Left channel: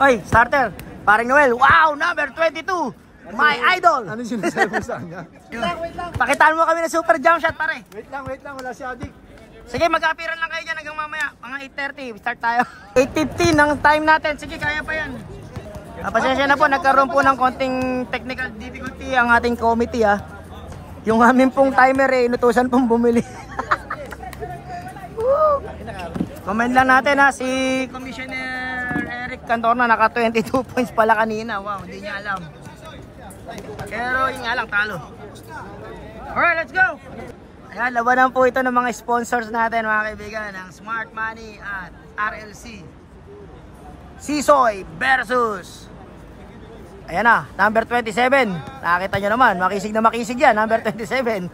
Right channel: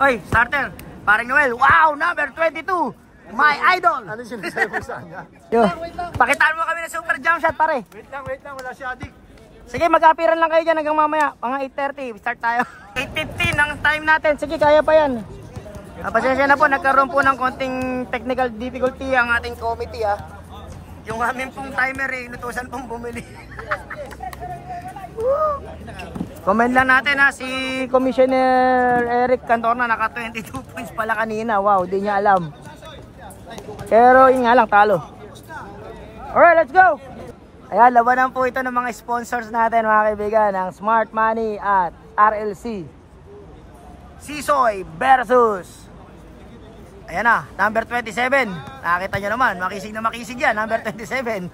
Oy, starter. Paring Noel. Wow, number 22. My idol. Ano sinasabi mo sa kanya? Pakitaan mo kami ng super jump shot, pare. Wait lang. Wala si Adik. Sige, mag-apiran lang kayo dyan hanggang mamaya. Mga 8:30. Start tayo. 8:15 ang time natin. Sige, kaya pa yan. Pasensya na po, nagkaroon po ng konting technical difficulty ang ating committee. Yung amin pong timer inutusan pong bumili. Comment lang natin si Commissioner Eric Cantorna naka 22 points pala kanina. Wow, di niya alam. Pero yun nga lang, talo. Alright, let's go! Ayan, labanan po ito ng mga sponsors natin mga kaibigan. Ang Smart Money at RLC. Sisoy versus, ayan na, number 27. Nakakita nyo naman, makisig na makisig yan, number 27.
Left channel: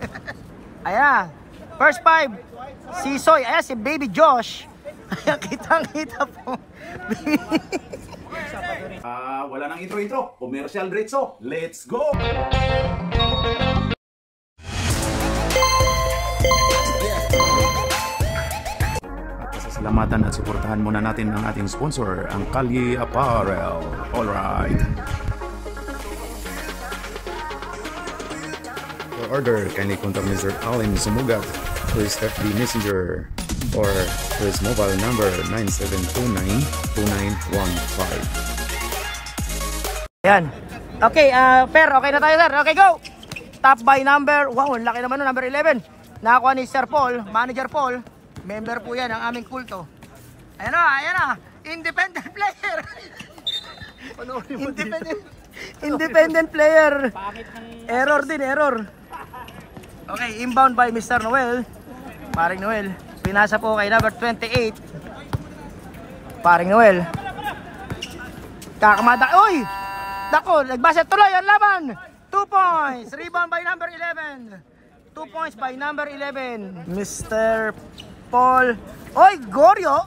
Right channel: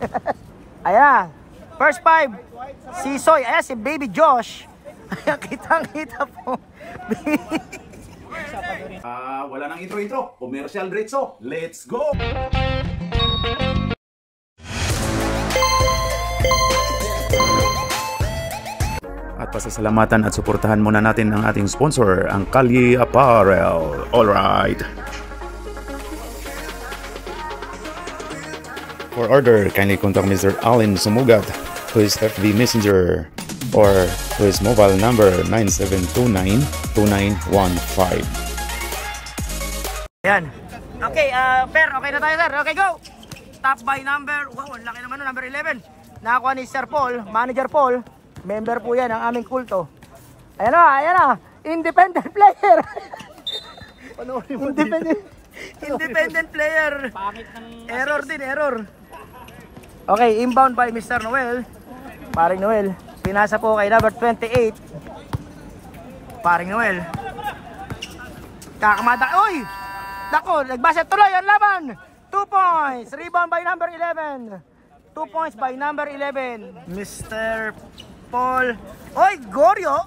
Ayan na, first 5, Sisoy. Ayan si Baby Josh. Ayan, kitang-kita po. Wala nang intro. Commercial diretso. Let's go! At pasasalamatan at suportahan muna natin ang ating sponsor, ang Kalye Apparel. Alright. For order, kindly contact Mr. Allen Sumugat, who is FB Messenger, or his mobile number 9729-2915. Ayan. Okay, Fer, okay na tayo, sir. Okay, go! Top by number, wow, laki naman no, number 11. Nakakuha ni Sir Paul, Manager Paul. Member po yan ang aming kulto. Ayan na. Independent player. Independent player. Error din, error. Okay, inbound by Mr. Noel. Paring Noel. Pinasa po kay number 28. Paring Noel. Kakamada. Uy! Dako, nagbasa tuloy ang laban. 2 points. Rebound by number 11. 2 points by number 11. Mr. Paul. Oy, Goryo.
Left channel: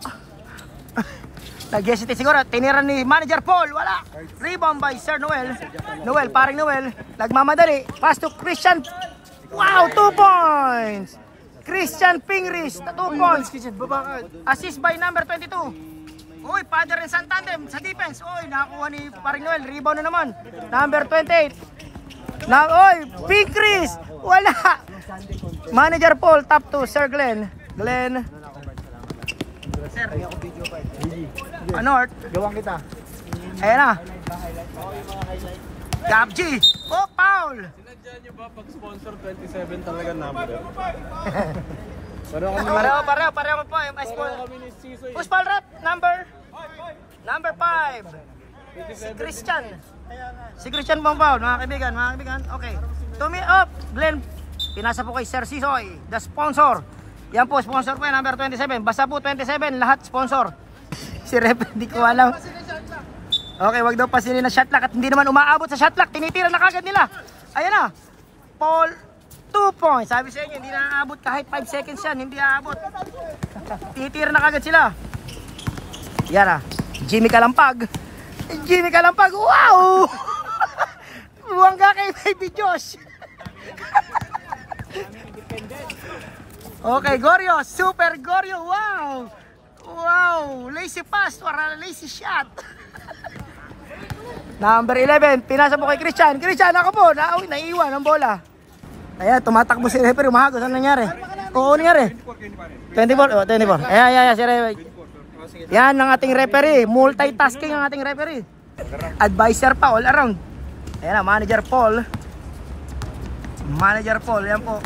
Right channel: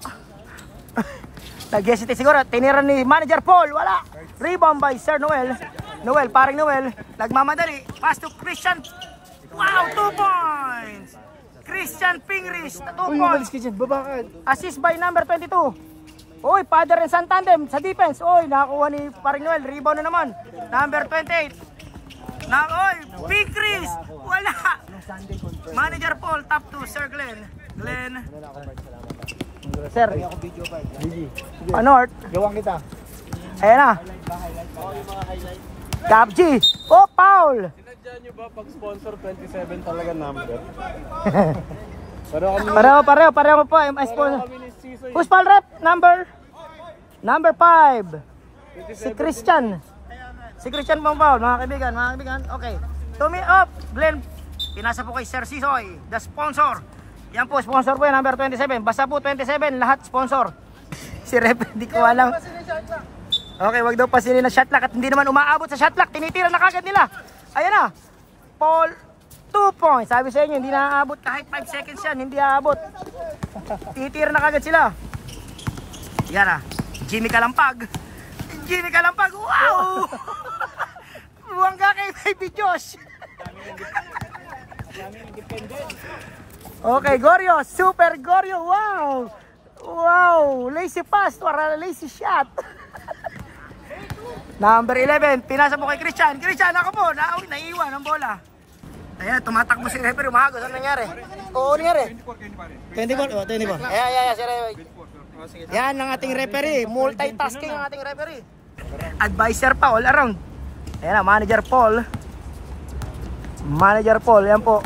Nag-hesitate siguro. Tinira ni Manager Paul. Wala. Rebound by Sir Noel. Noel, paring Noel. Nagmamadali. Pass to Christian. Wow, 2 points. Christian Pingris, 2 points. Assist by number 22. Oy, father and son tandem sa defense. Oy, nakakuha ni paring Noel. Rebound na naman. Number 28. Oy, Pingris. Wala. Manager Paul, top 2. Sir Glenn. Sir. North. Gawang kita. Ayan na. Gab G. Oh, Paul. Sinadya nyo ba pag sponsor 27 talaga number? Pareho po. Sponsor. Who's Paul rep? Number 5. Si Christian. Si Christian pong Paul, mga kaibigan. Okay. Tumi up. Glenn. Pinasa po kay Sir Sisoy, the sponsor. Yan po, sponsor po yan, number 27. Basta po 27, lahat sponsor. Si Rep, hindi ko alam. Okay, wag daw pasinin na shot clock at hindi naman umaabot sa shot clock. Tinitira na kagad nila. Ayan na. Paul, 2 points. Sabi sa inyo, hindi na aabot kahit 5 seconds yan. Hindi aabot. Tinitira na kagad sila. Yan na. Jimmy Kalampag. Wow! Buwang ka kay Baby Josh. Okay, Goryo, Super Goryo, wow, lazy pass, para lazy shot. Number 11, pinasa po kay Christian, ako po, naiwan ang bola. Ayan, tumatakbo si referee, umahagos, ano nangyari? Oo, nangyari? 24, ayan, si referee. Yan ang ating referee, multitasking ang ating referee. Advisor pa, all around. Ayan na, Manager Paul, yan po.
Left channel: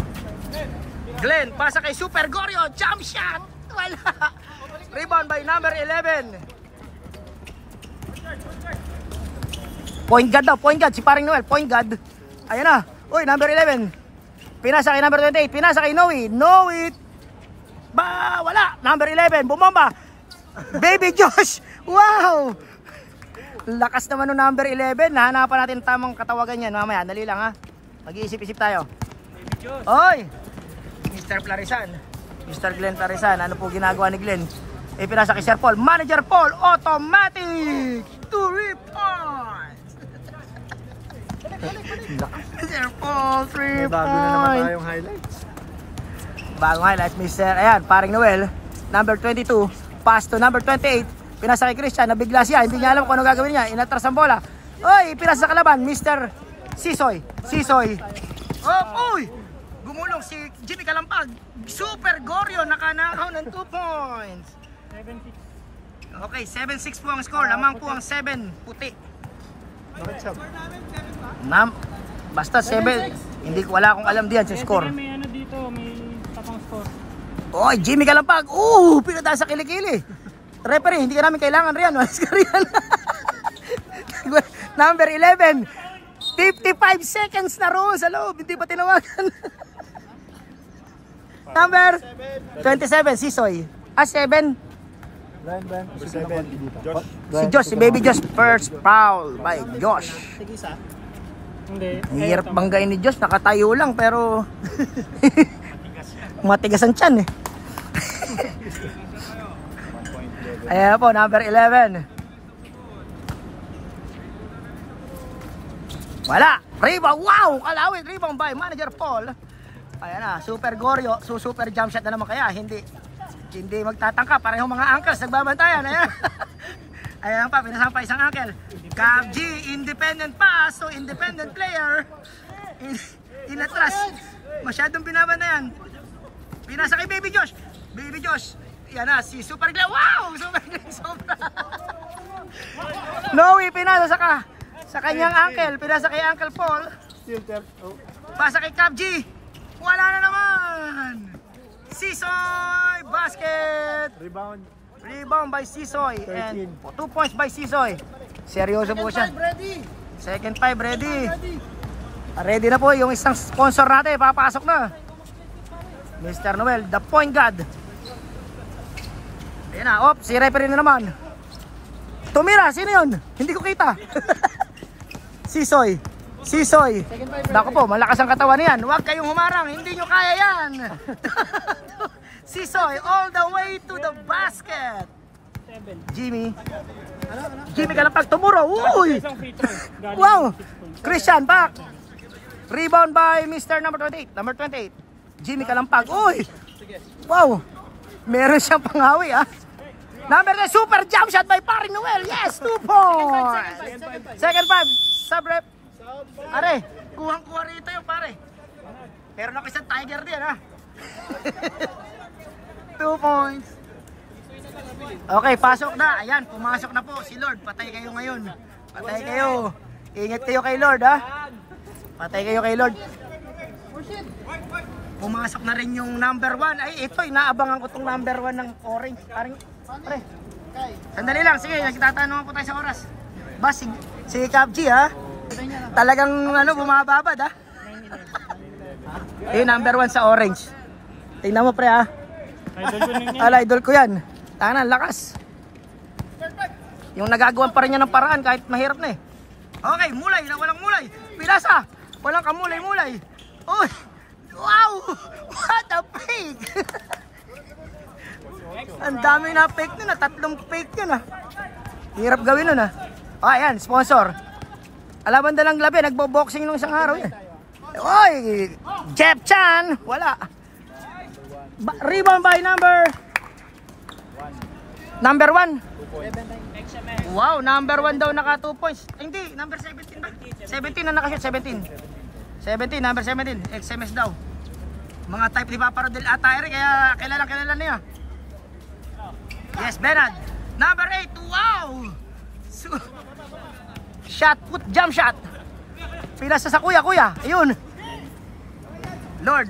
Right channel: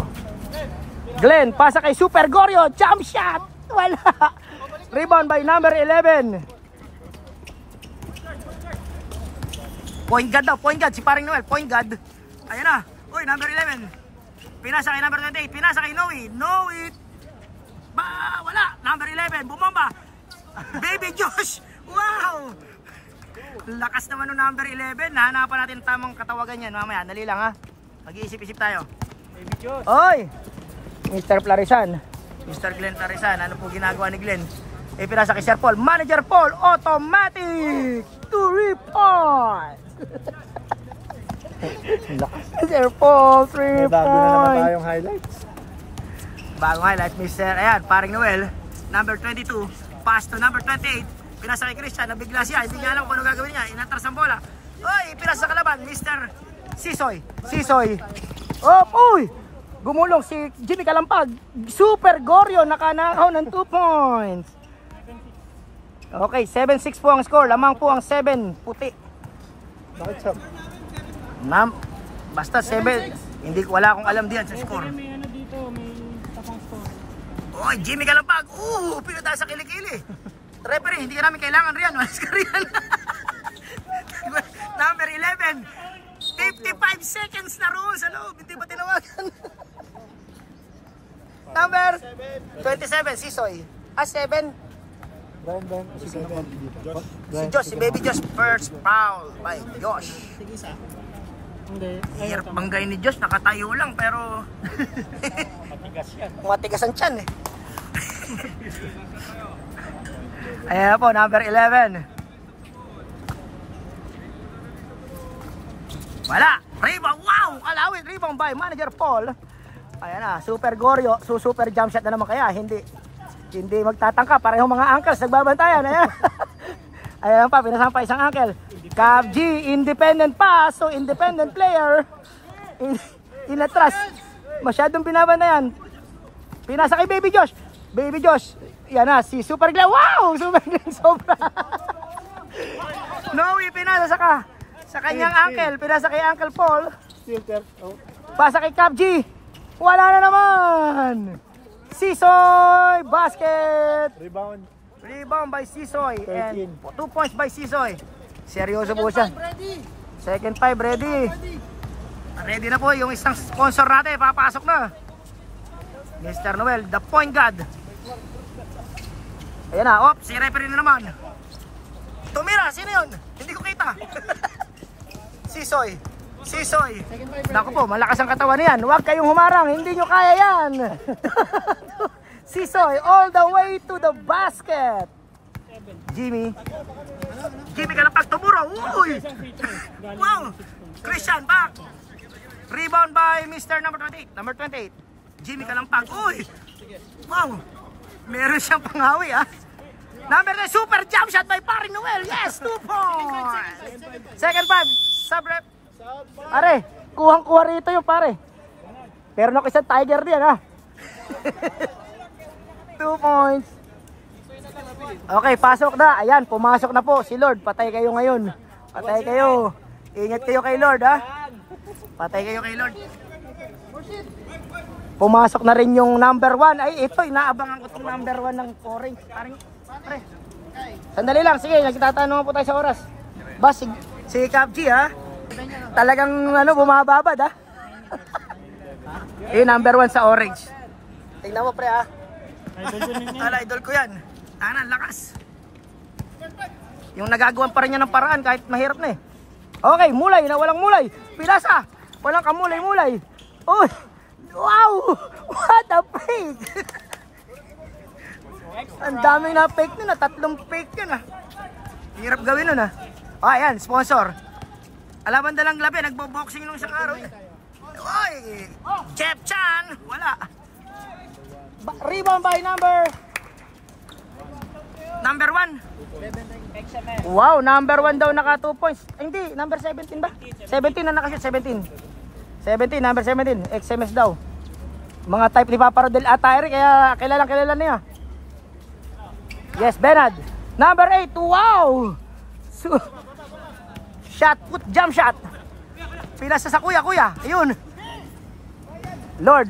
Glenn, pasa kay Super Goryo, jump shot! Wala! Rebound by number 11. Point guard, si paring Noel, point guard. Ayan na, uy, number 11. Pinasa kay number 28, pinasa kay Noe. Wala! Number 11, bumomba! Baby Josh! Wow! Lakas naman ng number 11. Hahanapan natin tamang katawagan yan mamaya. Dali lang ha. Mag-iisip-isip tayo. Oy! Mr. Glenn Plarisan, ano po ginagawa ni Glenn? Pinasa kay Sir Paul, Manager Paul, automatic 2 points. Sir Paul, 3 points. Bagong highlights, Mr. Ayan, paring Noel, number 22, pass to number 28, Pinasa kay Christian, nabigla siya, hindi niya alam kung ano gagawin niya, inatras ang bola. Oy, pinasa sa kalaban, Mr. Sisoy. Sisoy. Oh, uy! Gumulong si Jimmy Kalampag. Super Goryo, nakanakaw ng 2 points. Okay, 7-6 po ang score. Lamang po ang 7, puti. Basta 7. Hindi ko, wala akong alam diyan sa score. May ano dito, may tapang score. Oy, Jimmy Kalampag. Pinata sa kilikili. Referee, hindi ka namin kailangan riyan. Walis ka riyan. Number 11. 55 seconds na roon sa loob. Hindi pa tinawagan. Number 27, Sisoy. 7. Si Josh, si Baby Josh. First foul by Josh. Hindi. Hirap banggain ni Josh. Nakatayo lang pero matigas ang tiyan eh. Ayan po, number 11. Wala. Rebound. Wow! Kalawit. Rebound by Manager Paul. Ayan na. Super Goryo. Super jump shot na naman kaya. Hindi magtatangka. Parehong mga uncles. Nagbabantayan. Ayan. Ayan pa. Pinasampa isang uncle. Cab G. Independent pass. So independent player. Inatras. Masyadong binabantayan. Pinasa kay Baby Josh. Baby Josh. Yan na. Si Super Glenn. Wow! Super Glenn. Sobra. Noe. Pinasa sa kanyang uncle. Pinasa kay Uncle Paul. Pasa kay Cab G. Wala na naman. Sisoy. Basket. Rebound by Sisoy. And 2 points by Sisoy. Seryoso po siya. Second 5 ready. Ready na po yung isang sponsor natin. Papasok na. Mr. Noel, the point guard. Ayan na. Si referee na naman. Tumira. Sino yun? Hindi ko kita. Sisoy. Naku po, malakas ang katawan niyan. Huwag kayong humarang, hindi nyo kaya yan. Sisoy, all the way to the basket. Jimmy Kalampag tumuro. Uy! Wow! Christian back. Rebound by Mr. number 28. Number 28. Jimmy Kalampag. Uy! Wow! Meron siyang panghawi ah. Number 9, super jump shot by Paring Noel. Yes, 2 points. Second 5. Sub-rep. Are, kuhang-kuha rito yung pare. Pero na isang tiger diyan ha. 2 points. Okay, pasok na. Ayan, pumasok na po si Lord. Patay kayo ngayon. Patay kayo. Ingat kayo kay Lord ha. Patay kayo kay Lord. Pumasok na rin yung number 1. Ay, ito, inaabangan ko itong number 1 ng orange. Pare, sandali lang. Sige, nagtatanong po tayo sa oras. Bas, si Cab G ha. Talagang bumababad ha. Yung number 1 sa orange. Tingnan mo pre ha. Idol ko yan. Tanan, lakas. Yung nagagawan pa rin niya ng paraan kahit mahirap na eh. Okay, mulay na walang mulay. Pilasa. Walang kamulay-mulay. Uy! Wow! What a fake! Ang daming na fake nun, 3 fake yun ah. Hirap gawin nun ah. O ayan, sponsor. Alaban dalang labi, nagbo-boxing nung isang araw eh. Oy! Jeff Chan! Wala. Rebound by number 1. Wow, number 1 daw naka 2 points. Ay, hindi, number 17 ba? 17 na nakashoot, 17, number 17, XMS daw. Mga type ni Papa Rodel Atayre, kaya kilala niya. Yes, Benad. Number 8, wow! Shot put, jump shot. Pinasa sa kuya. Ayun. Lord,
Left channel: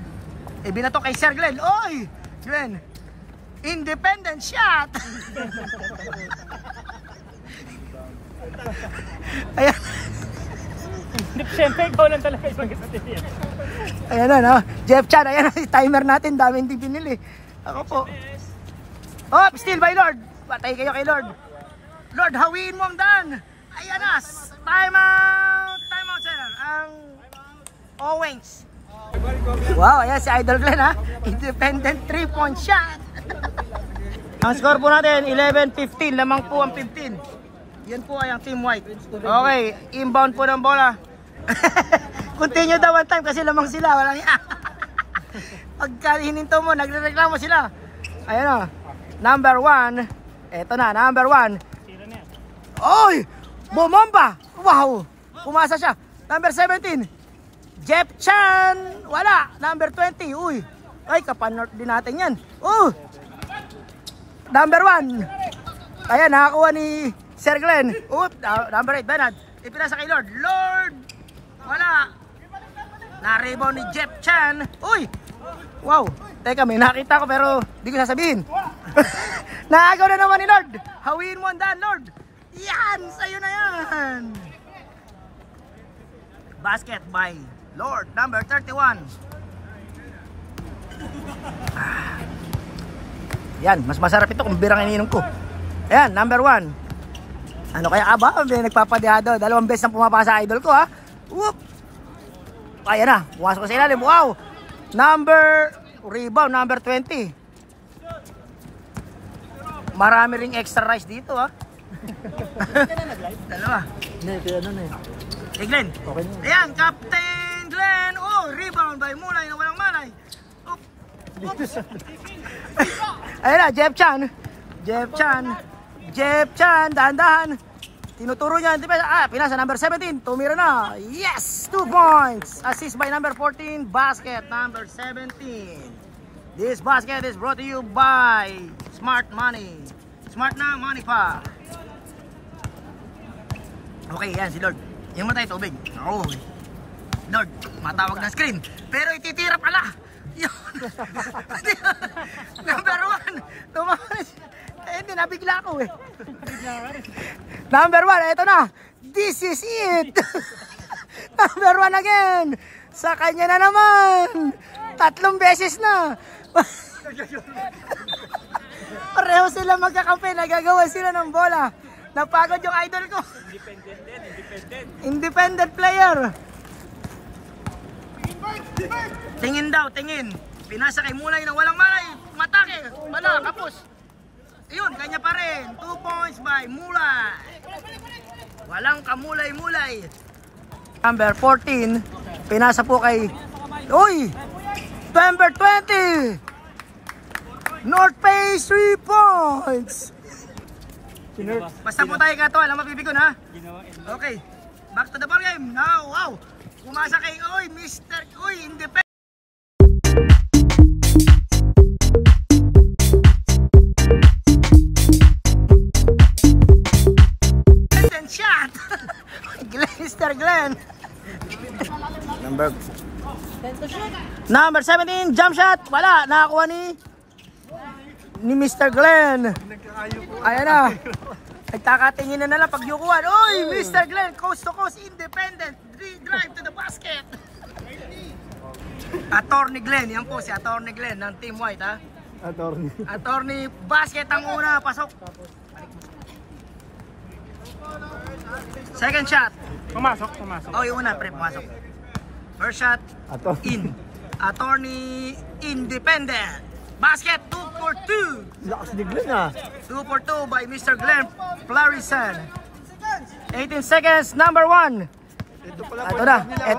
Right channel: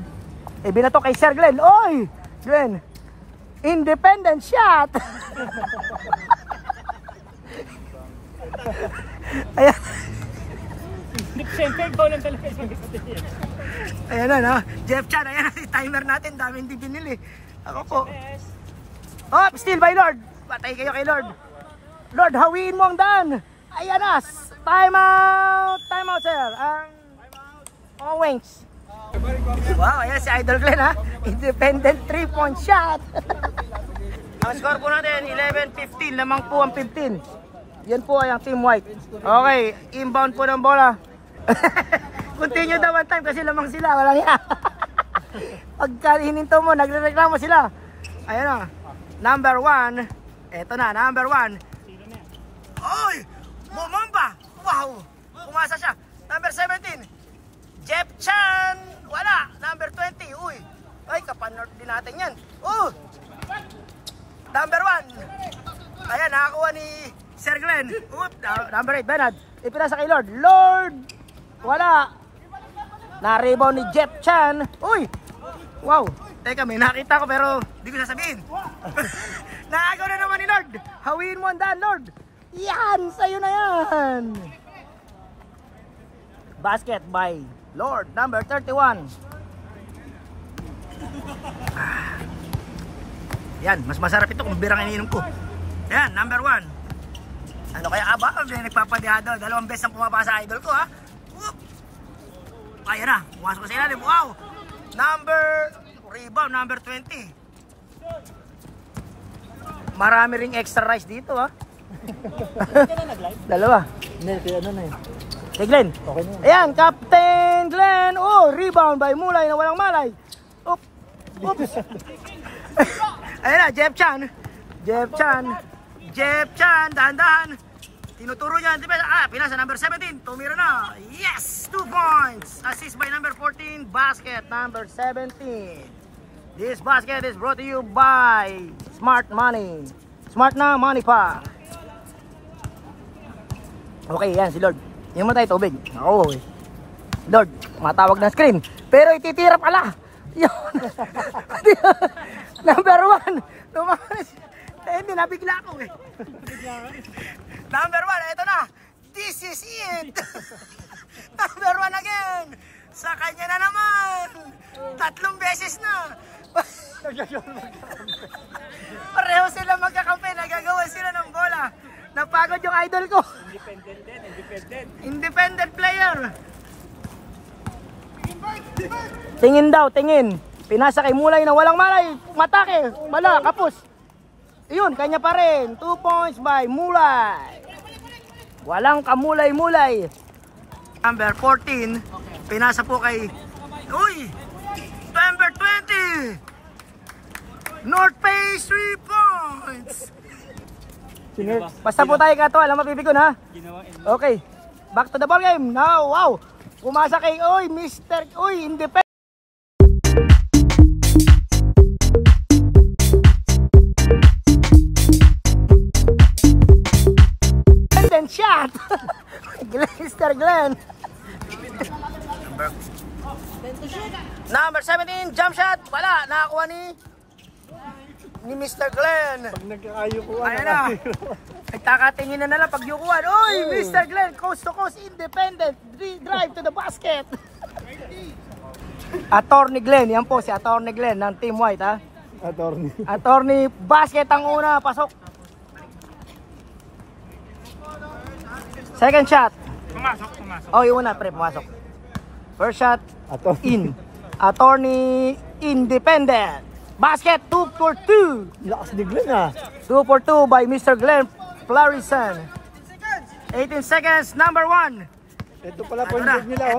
binato kay Sir Glenn. Oy! Glenn. Independent shot. Ayan. Siyempre, ikaw lang talaga isang kapatid yan. Ayan na, Jeff Chan, ayan na, timer natin, dami hindi pinili. Ako po. Oh, still by Lord. Patay kayo kay Lord. Lord, hawiin mo ang daan. Ayan na, time out sir. Ang Owens. Wow, ayan si Idol Glenn ha. Independent 3-point shot. Ang score po natin, 11-15. Lamang po ang 15. Yan po ay ang Team White. Okay, inbound po ng bola. Continue daw one time kasi lamang sila. Walang yan. Pagka hininto mo, nagrereklamo sila. Ayan na. Number 1. Eto na, number 1. Oy! Bumomba! Wow! Pumasa siya. Number 17. Jeff Chan! Wala. Number 20. Uy! Ay, kapanort din natin yan. Number 1. Ayan, nakakuha ni Sir Glenn. Number 8, Bernard. Ipinasa kay Lord. Lord! Wala. Na-rebound ni Jeff Chan. Uy! Wow! Teka, may nakita ko pero di ko sasabihin. Naagaw na naman ni Lord. Hawiin mo ang daan, Lord. Yan! Sa'yo na yan! Basket by Lord, number 31. Yan, mas masarap ito kung birang ininom ko. Ayan, number 1. Ano kaya aba? May nagpapadihado. 2 beses ang pumapasa sa idol ko, ha? Whoop! Ayan na, pumasok ko sa ilalim. Wow! Rebound, number 20. Marami ring extra rice dito, ha? Dalawa. Hey Glenn. Ayan, Captain Glenn. Rebound by Mulay na walang malay. Oops. Ayan na, Jeff Chan. Dahan-dahan. Tinuturo niya. Pinasa number 17. Tumira na. Yes! 2 points. Assist by number 14. Basket number 17. This basket is brought to you by Smart Money. Smart na money pa. Okay, yan si Lord. Yung mo tayo tubig. Lord, matawag ng screen. Pero ititira pala. Yun. Number 1. Tumakas. Hindi, nabigla ako eh. Number 1, eto na. This is it. Number 1 again. Sa kanya na naman. 3 beses na. Pareho sila magkakampi. Nagagawa sila ng bola. Napagod yung idol ko. Independent player. Tingin daw, tingin. Pinasa kay Mulay na walang malay. Matake. Wala, kapos. Iyon, kanya pa rin. 2 points by Mulay. Walang kamulay-mulay. Number 14. Pinasa po kay... Uy! Number 20. North Face 3 points. Basta po tayo kato. Alam mapipigon, ha? Okay. Back to the ball game. Now, wow. Pumasa kay... Uy, Mr. Uy, independent. Shot. Mr. Glenn. Number 17, jump shot. Wala, nakakuha ni Mr. Glenn. Ayan na. Nagkakatingin na lang pag yukuhan. Uy, Mr. Glenn, coast to coast, independent. Drive to the basket. Attorney Glenn, yan po si Attorney Glenn ng Team White, ha? Attorney basket ang una, pasok. Second shot. Pumasok. Yung una, pre, pumasok. First shot, in. Attorney independent. Basket, 2 for 2. Lakas ni Glenn, ha? 2 for 2 by Mr. Glenn Flarison. 18 seconds, number 1. Ito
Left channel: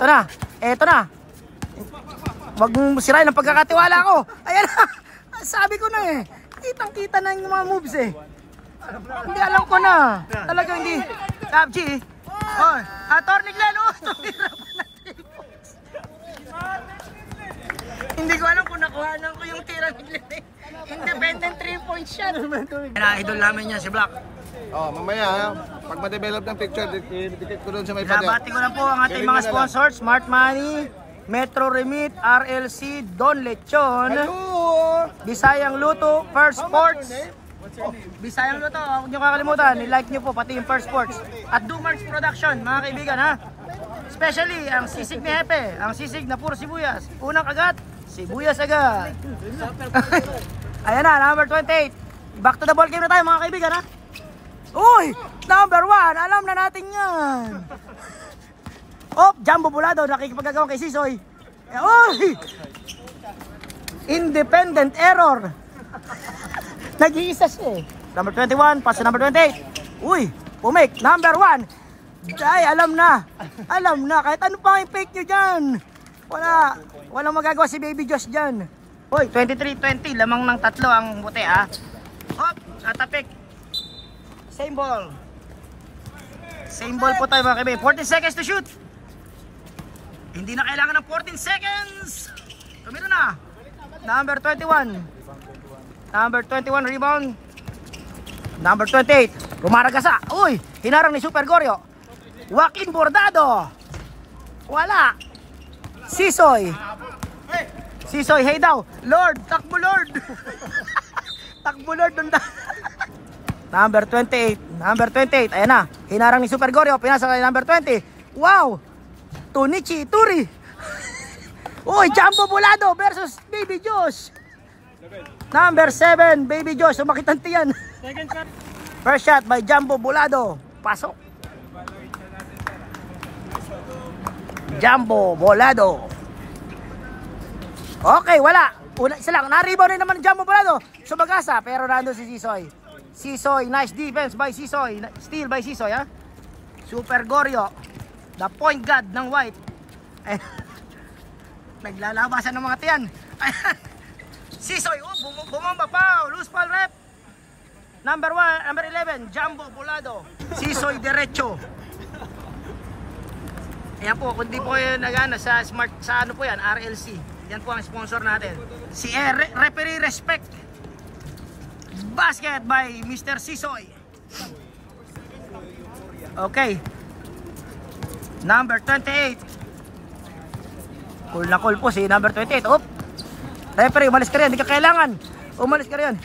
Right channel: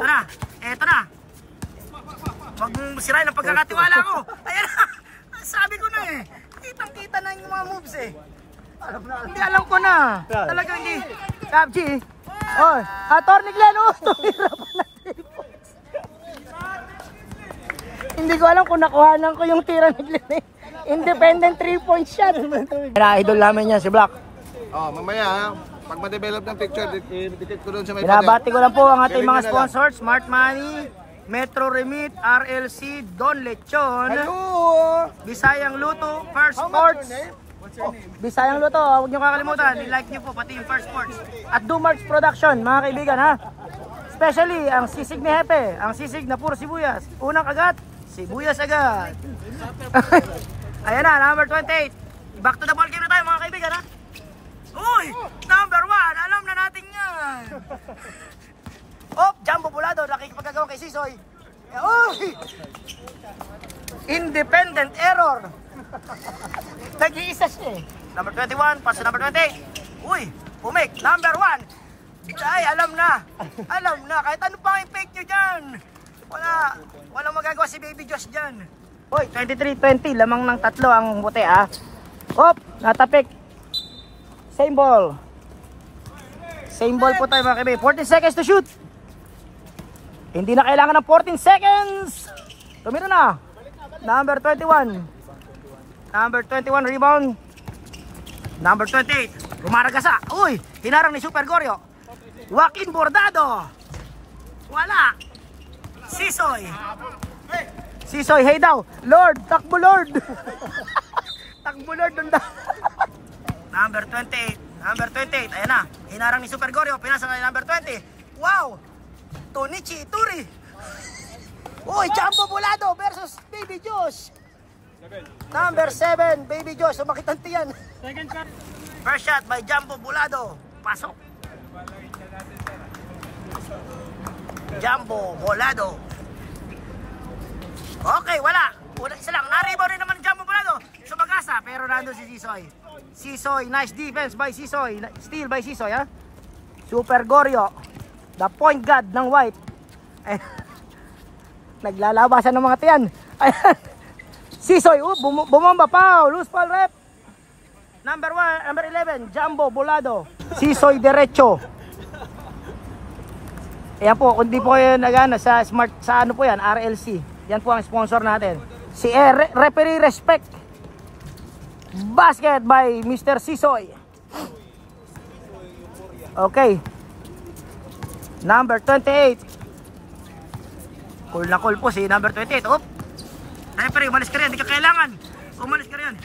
na. Wag mong sirain ang pagkakatiwala ko. Ayan na. Sabi ko na eh. Kitang-kita na yung mga moves eh. Hindi, alam ko na. Talagang hindi. Kapji. Attorney Glenn. Tumira pa na 3 points. Hindi ko alam kung nakuhanan ko yung tira ni Glenn. Independent 3-point shot. Idol namin yan si Black. Mamaya, pag ma-develop ng picture, dikit ko doon sa may pader. Binabati ko lang po ang ating mga sponsors. Smart Money, Metro Remit, RLC, Don Lechon. Hello! Bisayang Luto, First Sports. Bisayang Luto, huwag nyo kakalimutan. I-like nyo po pati yung First Sports. At Dumarks Production, mga kaibigan, ha. Especially ang sisig ni Hepe. Ang sisig na puro sibuyas. Unang kagat, sibuyas agad. Ayan na, number 28. Back to the ball game na tayo, mga kaibigan, ha. Uy! Number 1, alam na natin yan. Jumbo Bulado, nakikipagagawa kay Sisoy. Uy! Independent error. Nag-iisa siya eh. Number 21, pass to number 28. Uy, pumake. Number 1. Ay, alam na. Kahit ano pa yung fake nyo dyan. Walang magagawa si Baby Josh dyan. Uy, 23-20. Lamang ng 3 ang buti, ah. Natapik. Same ball. Same ball po tayo mga kaibigan. 14 seconds to shoot. Hindi na kailangan ng 14 seconds. Tumira na. Number 21. Number 21 rebound. Number 28. Rumaragasa. Uy, hinarang ni Super Goryo. Joaquin Bordado. Wala. Sisoy. Sisoy, hey daw. Lord, takbo Lord. Takbo Lord. Number 28. Number 28. Ayan na. Hinarang ni Super Goryo. Pinasa kay number 20. Wow. Tunichi Ituri. Uy, Jumbo Bolado versus Baby Josh. Number 7, Baby Josh. Sumakit ang tiyan. Second shot. First shot by Jumbo Bolado. Pasok. Jumbo Bolado. Okay, wala. Una isa lang. Na-rebound rin naman Jumbo Bolado. Sumagasa, pero nandun si Sisoy. Sisoy, nice defense by Sisoy. Steal by Sisoy, ha? Super Goryo. The point guard ng White. Ay, naglalabasan ng mga tiyan. Ayan. Sisoy, bumamba pa. Loose ball rep. Number 11, Jumbo Bolado. Sisoy Derecho. Ayan po, kung di po kayo nagana sa smart, sa ano po yan, RLC. Yan po ang sponsor natin. Si Referee Respect. Basket by Mr. Sisoy. Okay. Number 28. Cool na cool po si number 28. Oop. Referee, umalis ka rin. Hindi ka kailangan. Umalis ka rin.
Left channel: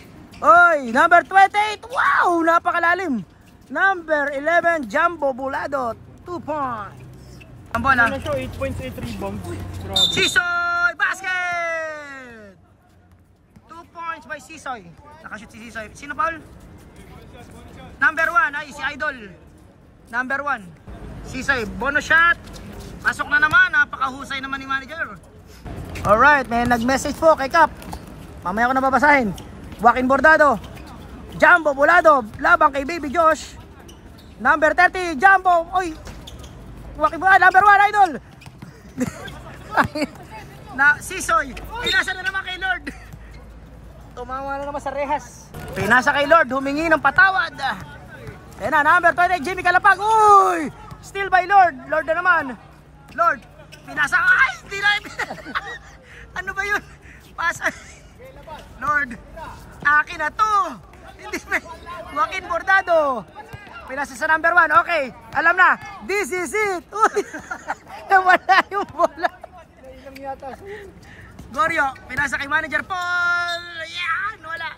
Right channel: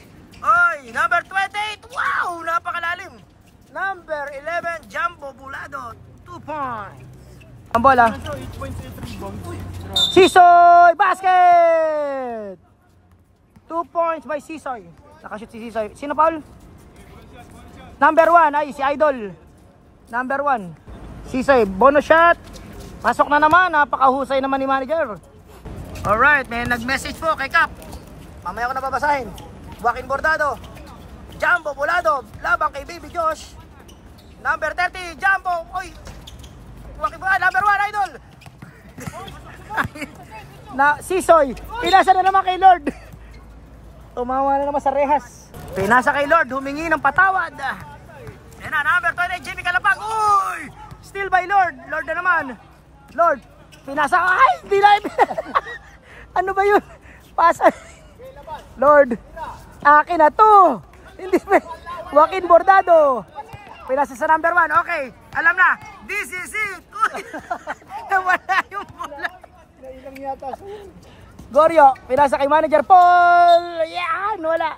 Oy, number 28. Wow, napakalalim. Number 11, Jumbo Bolado. 2 points. Ang bola. 8 points, 8 rebounds. Sisoy basket. 2 points by Sisoy. Nakashoot si Sisoy. Sino Paul? Number 1 ay si Idol. Number 1. Sisoy, bonus shot. Pasok na naman. Napakahusay naman ni manager. Alright, may nag-message po kay Cap. Mamaya ko na babasahin. Joaquin Bordado. Jumbo Bolado. Labang kay Baby Josh. Number 30, Jumbo. Oy. Joaquin Bordado, number 1, Idol. Na, Sisoy. Pinasa na naman kay Lord. Tumawa na naman sa rehas. Pinasa kay Lord. Humingi ng patawad. Ayan na, number 20, Jimmy Calapag. Uy! Steal by Lord. Lord na naman. Lord. Pinasa. Ay! Dilan. Ano ba yun? Pasa. Lord. Akin na to. Hindi pa. Joaquin Bordado. Pinasa sa number 1. Okay. Alam na. This is it. Uy. Nawala yung bola. Goryo. Pinasa kay manager Paul. Yan. Wala.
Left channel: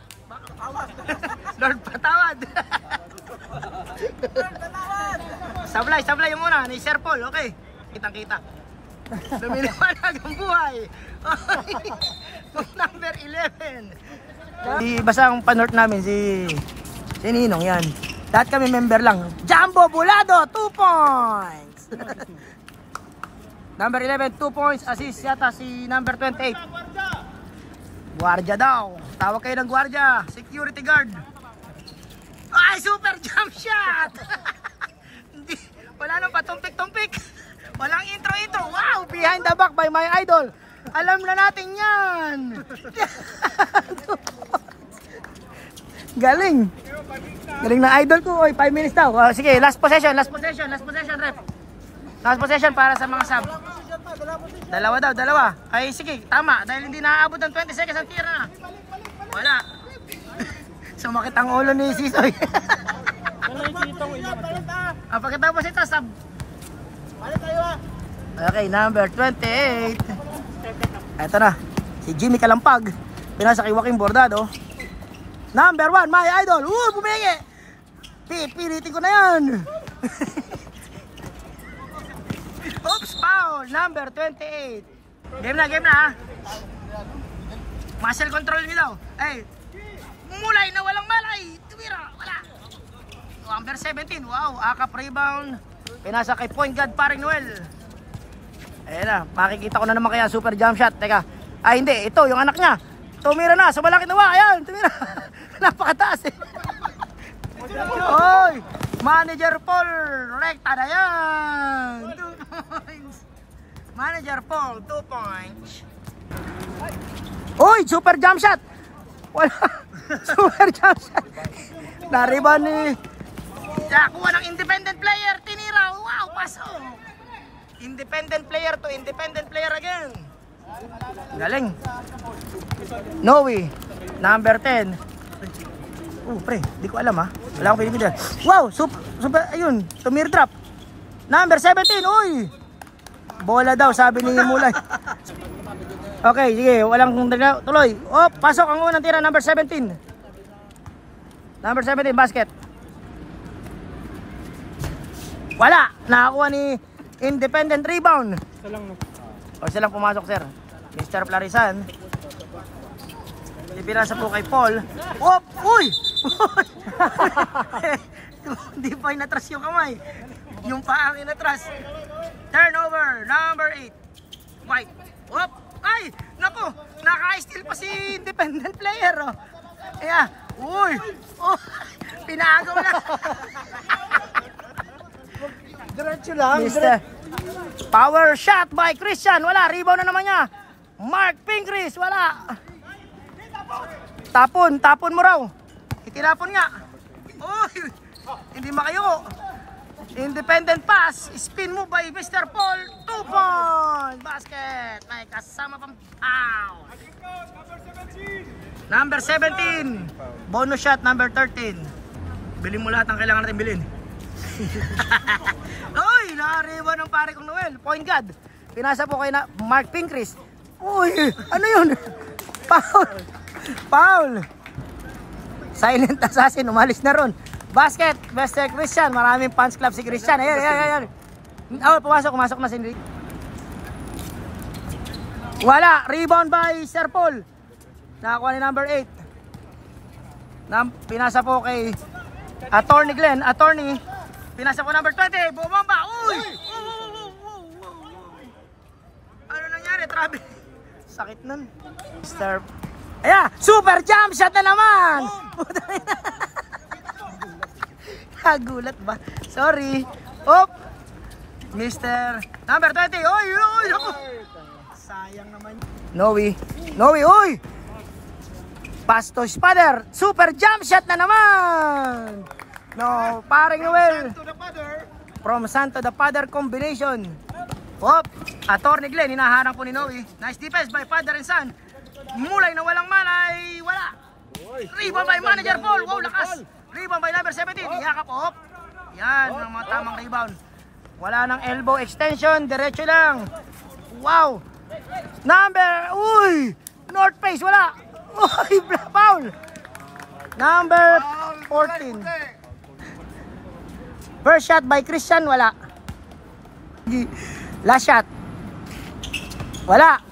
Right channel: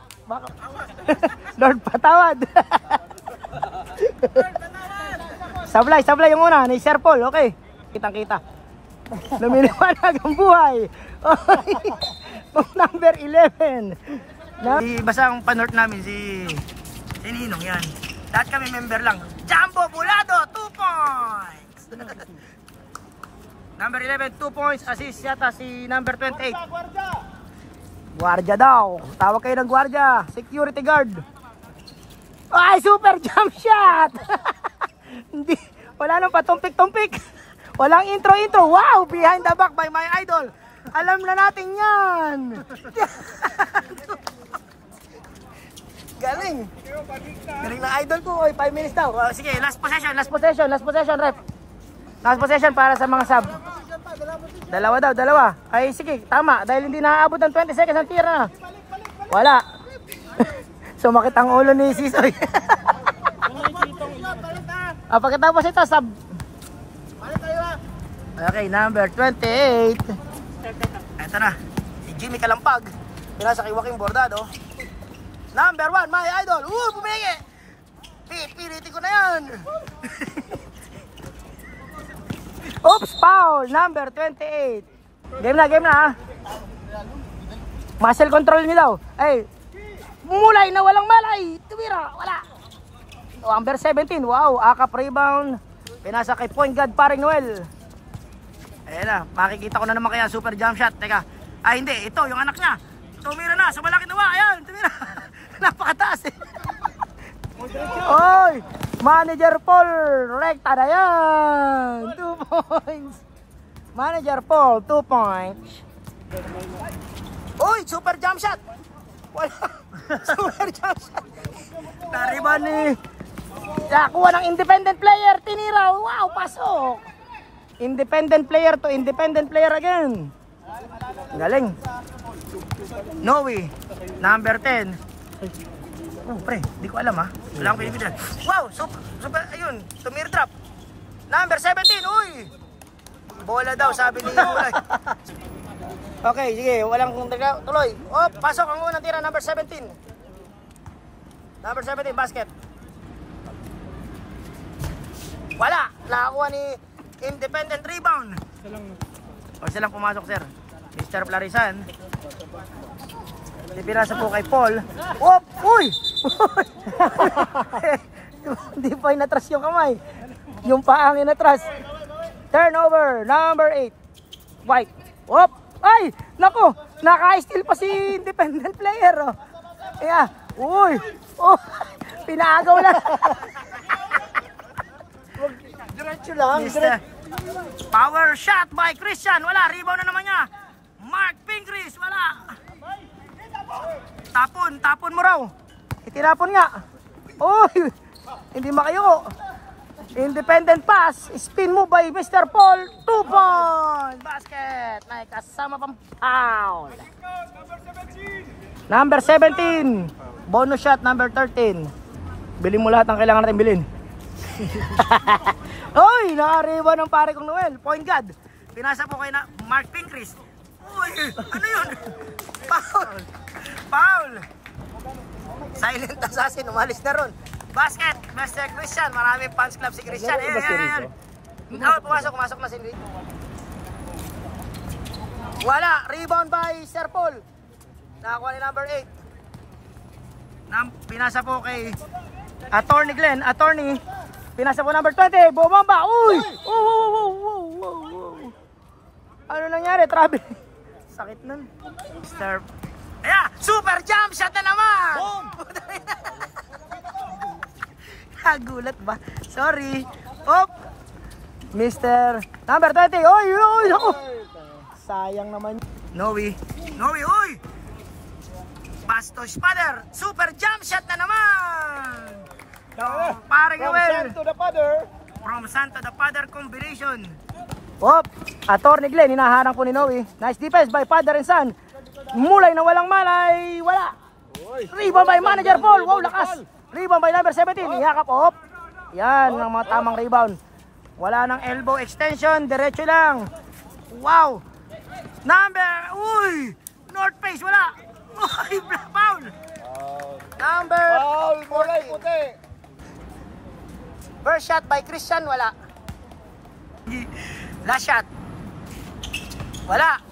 Lord patawad. Sablay yung una ni Sir Paul. Okay. Kitang-kita. Lumiliwanag ang buhay. Okay. Number 11. Basta ang panort namin si Ninong yan. Lahat kami member lang. Jumbo Bolado, 2 points. Number 11, 2 points. Assist yata si number 28. Guardia daw. Tawag kayo ng guardia. Security guard. Ay, super jump shot. Hindi, wala nang patumpik-tumpik. Walang intro-intro. Wow, behind the back by my idol. Alam na natin yan. Galing. Galing na idol ko. Oy, 5 minutes daw. Sige, last possession, rep. Last possession para sa mga sub. Dalawa. Ay, sige, tama. Dahil hindi naaabot ng 20 seconds ang tira na. Wala. Sumakit ang ulo ni Sisoy. Pagkatapos ito, sub. Okay, number 28. Ito na. Si Jimmy Kalampag. Pinasa kay Joaquin Bordado. Number 1, my idol. Bumingi. Pilitin ko na yan. Oops, foul. Number 28. Game na ha. Muscle control nyo daw. Ay, mulay na walang malay. Tumira, wala. Number 17, wow. Akap rebound. Pinasa kay point guard Pare Noel. Ayan na, makikita ko na naman kaya super jump shot. Teka, ay hindi, ito yung anak niya. Tumira na, sa malaki nawa. Ayan, tumira. Napakataas eh. Oy, Manager Paul, rekta na yan. 2 points. Manager Paul, 2 points. Uy, super jump shot. Wala. Super jump shot. Nariban ni. Nakuha ng independent player, tinira. Wow, pasok! Independent player to independent player again. Galing. Noe, number 10. Oh, pre, di ko alam ha. Wala akong pinipili. Wow, super, ayun, tumir drop. Number 17, uy! Bola daw, sabi ni Mulay. Okay, sige, walang tuloy. Oh, pasok ang unang tira, number 17. Number 17, basket. Wala, nakakuha ni independent rebound. Isa lang pumasok, sir. Mr. Plarisan. Ipinasa po kay Paul. Op! Uy! Hindi pa inatras yung kamay. Yung paang inatras. Turnover, number 8. White. Op! Ay! Nako! Naka-steal pa si independent player. Oh. Yeah. Uy! Oh! Pinagaw lang. Diretso lang. Mr. Power shot by Christian. Wala. Rebound na naman niya. Mark Pincris. Wala. Tapon mo raw. Itinapon nga. Uy! Hindi makayo. Independent pass. Spin move by Mr. Paul. 2 point. Basket. May kasama pang foul. Number 17. Bonus shot number 13. Bilhin mo lahat ng kailangan natin bilhin. Uy! Nakariba ng pare kong Noel. Point guard. Pinasa po kay Mark Pincris. Uy! Ano yun? Foul. Silent assassin. Umalis na ron. Basket. Mr. Christian. Maraming fans club si Christian. Ayan. Oh, pumasok na si Enrique. Wala. Rebound by Sir Paul. Nakakuha ni number 8. Pinasa po kay Attorney Glenn. Pinasa po number 20. Bumamba. Uy! Ano nangyari? Travel. Sakit nun. Mr. Ayan! Super jump shot na naman! Nagulat ba? Sorry. Op! Mr. Number 20. Oy! Ako! Sayang naman. Noe, uy! Pass to Spader. Super jump shot na naman! No, paring Noel. From San to the Father combination. Op! Attorney Glenn, hinaharang po ni Noe. Nice defense by Father and Son. Mulay na walang malay. Wala. Rebound by Manager Paul. Wow, lakas. Rebound by number 17. Iyakap, op. Yan, ang mga tamang rebound. Wala nang elbow extension. Diretso lang. Wow. Uy! North face, wala. Uy, foul. Number 14. First shot by Christian, wala. Last shot. Wala.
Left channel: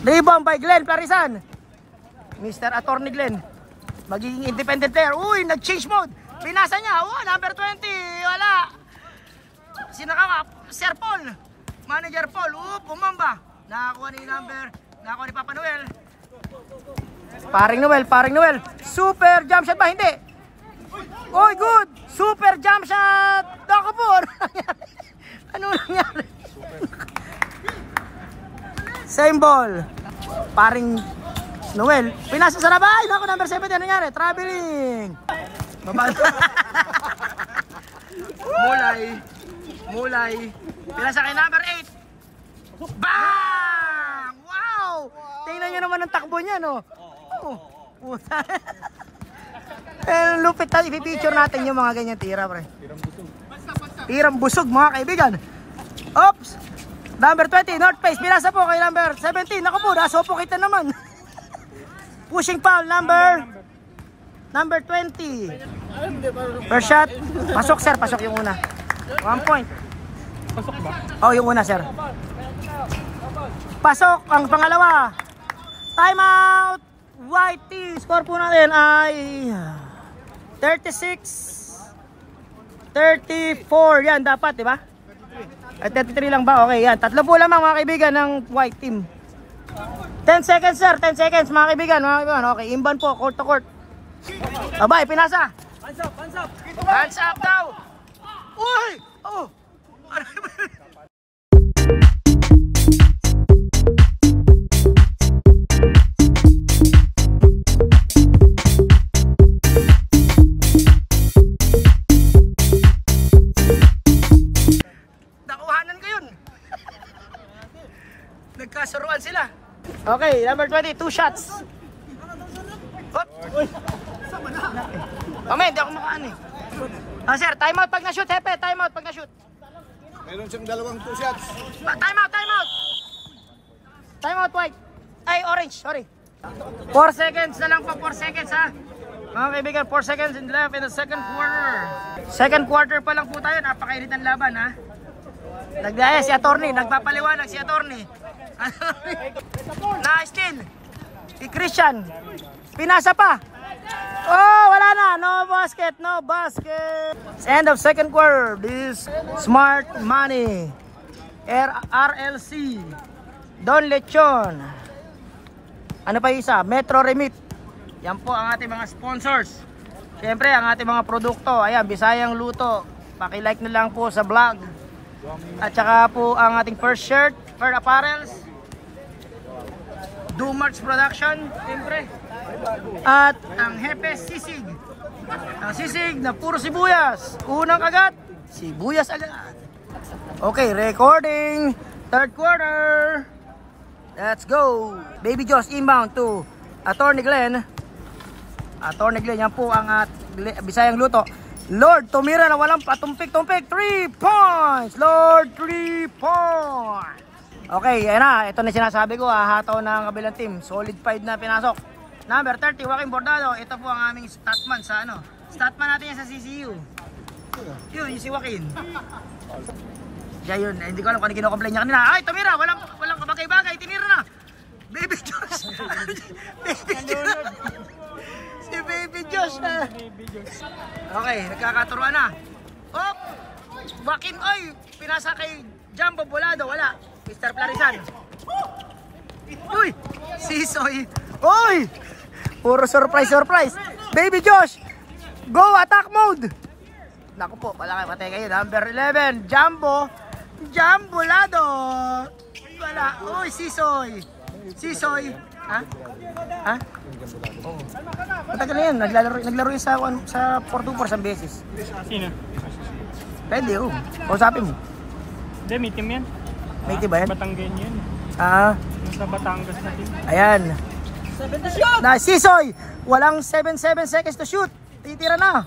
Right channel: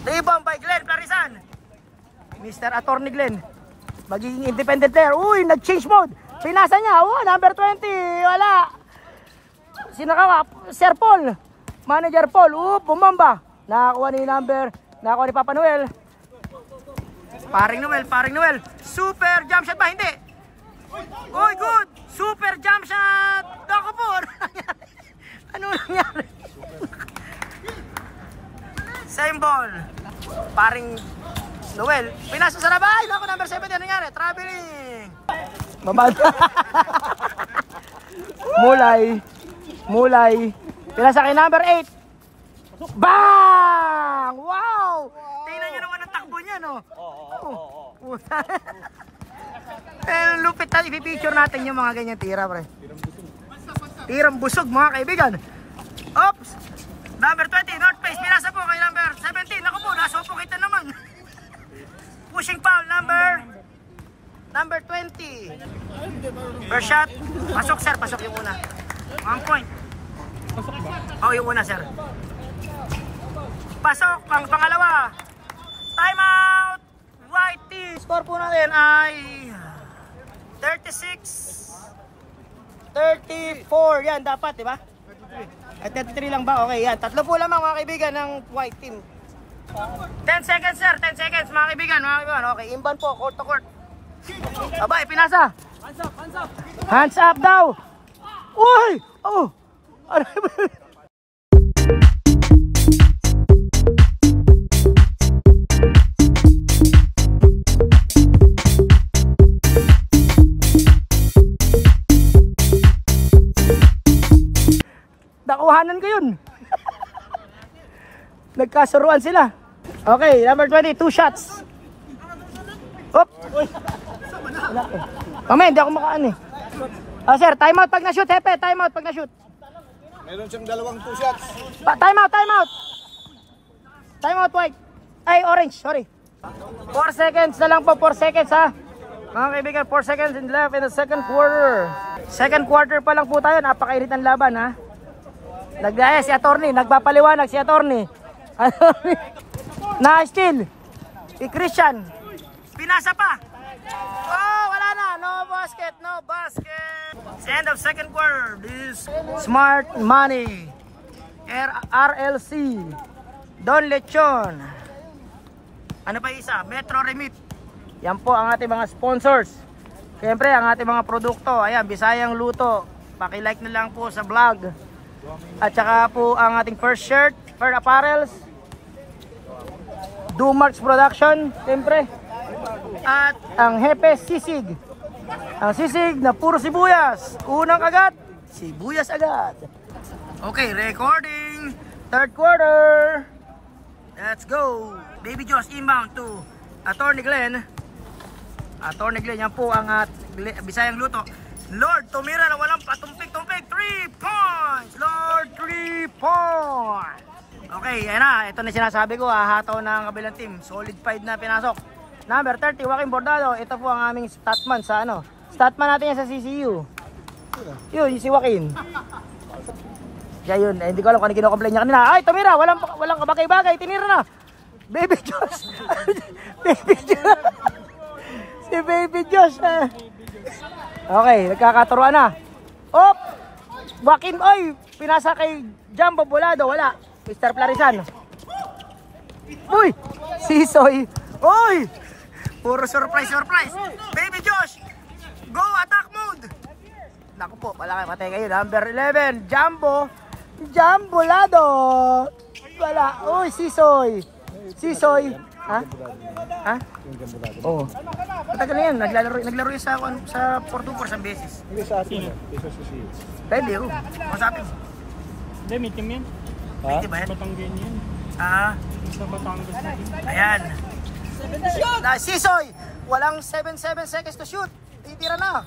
Rebound by Glenn Plarisan. Mr. Attorney Glenn. Magiging independent player. Uy, nag-change mode. Pinasa niya. Oh, number 20. Wala. Sino ka? Sir Paul. Manager Paul. Bumamba. Nakakuha ni Papa Noel. Paring Noel. Super jump shot ba? Hindi. Uy, good. Super jump shot. Dako po. Ano nangyari? Same ball. Paring Noel. Pinasa sa labay. Ako number 7. Ano nangyari? Traveling. Bababa. Mulay. Pinasa kay number 8. Bang! Wow! Tingnan nyo naman ang takbo niya, no? Oh. Lupit tayo. I-picture natin yung mga ganyan tira, pre. Tirang busog, mga kaibigan. Oops! Number 20, North Face. Pinasa po kay number 17. Naku po, nasopo kita naman. Pushing foul, number 20. First shot. Pasok, sir. Pasok yung una. 1 point. Pasok ba? Oh, yung una, sir. Pasok ang pangalawa. Timeout. White team. Score po natin ay 36-34. Yan, dapat, di ba? 33 lang ba? Okay, yan. Tatlo po lamang, mga kaibigan, ng white team. 10 seconds, sir. 10 seconds, mga kaibigan. Okay, imban po. Court to court. Abay, pinasa. Hands up daw. Uy! Oh! Ano ba? nagkakuhanan ko yun. Nagkasuruan sila. Okay, number 20, 2 shots. Hop. Mamaya, hindi ako makaan eh. Sir, time out pag na-shoot, Hepe. Time out pag na-shoot. Meron siyang dalawang 2 shots. Time out, time out. Time out, white. Ay, orange, sorry. 4 seconds na lang po, 4 seconds ha. Mga kaibigan, 4 seconds in left in the second quarter. Second quarter pa lang po tayo, napakainit ng laban ha. Si attorney, nagpapaliwanag si attorney. Na-steal. Si Christian. Pinasa pa. Oh, wala na. No basket, no basket. It's end of second quarter. This Smart Money. RLC. Don Lechon. Ano pa isa? Metro Remit. Yan po ang ating mga sponsors. Siyempre, ang ating mga produkto. Ayan, Bisayang Luto. Paki-like na lang po sa vlog. At saka po ang ating first shirt, first apparels. Dumarts Production, siyempre. At ang Hepe Sisig. Ang sisig na puro sibuyas. Unang agad, sibuyas agad. Okay, recording. Third quarter. Let's go. Baby Josh inbound to Attorney Glenn. Attorney Glenn, yan po ang Bisayang Luto. Lord, tumira na walang patumpik-tumpik. 3 points. Lord, 3 points. Okay, ayan na. Ito na sinasabi ko. Hahataw ng kabilang team. Solid 5 na pinasok. Number 30, Joaquin Bordado. Ito po ang aming statman sa ano. Statman natin yan sa CCU. Yun, si Joaquin. Siya yun. Hindi ko alam kung ano kinocomplain niya kanina. Ay, tumira. Walang kabagay-bagay. Tinira na. Baby Josh. Baby Josh. Si Baby Josh. Okay, nagkakaturuan na. Oh! Joaquin, oy! Pinasa kay Jumbo Bolado. Wala. Mr. Plarisan. Uy! Sisoy. Uy! Puro surprise. Baby Josh! Go! Attack mode! Naku po, patay kayo. Number 11, Jumbo Bolado. Wala. Uy, Sisoy. Ha? Oo. Matagal na yan. Naglaro yun sa 4-2-4 sa beses. Sino? Pwede, oh. Kausapin mo. Hindi, may team yan. May team ba yan? Batanggen yan. Sa Batangas na team. Ayan. Na Sisoy! Walang 7 seconds to shoot. Titira na.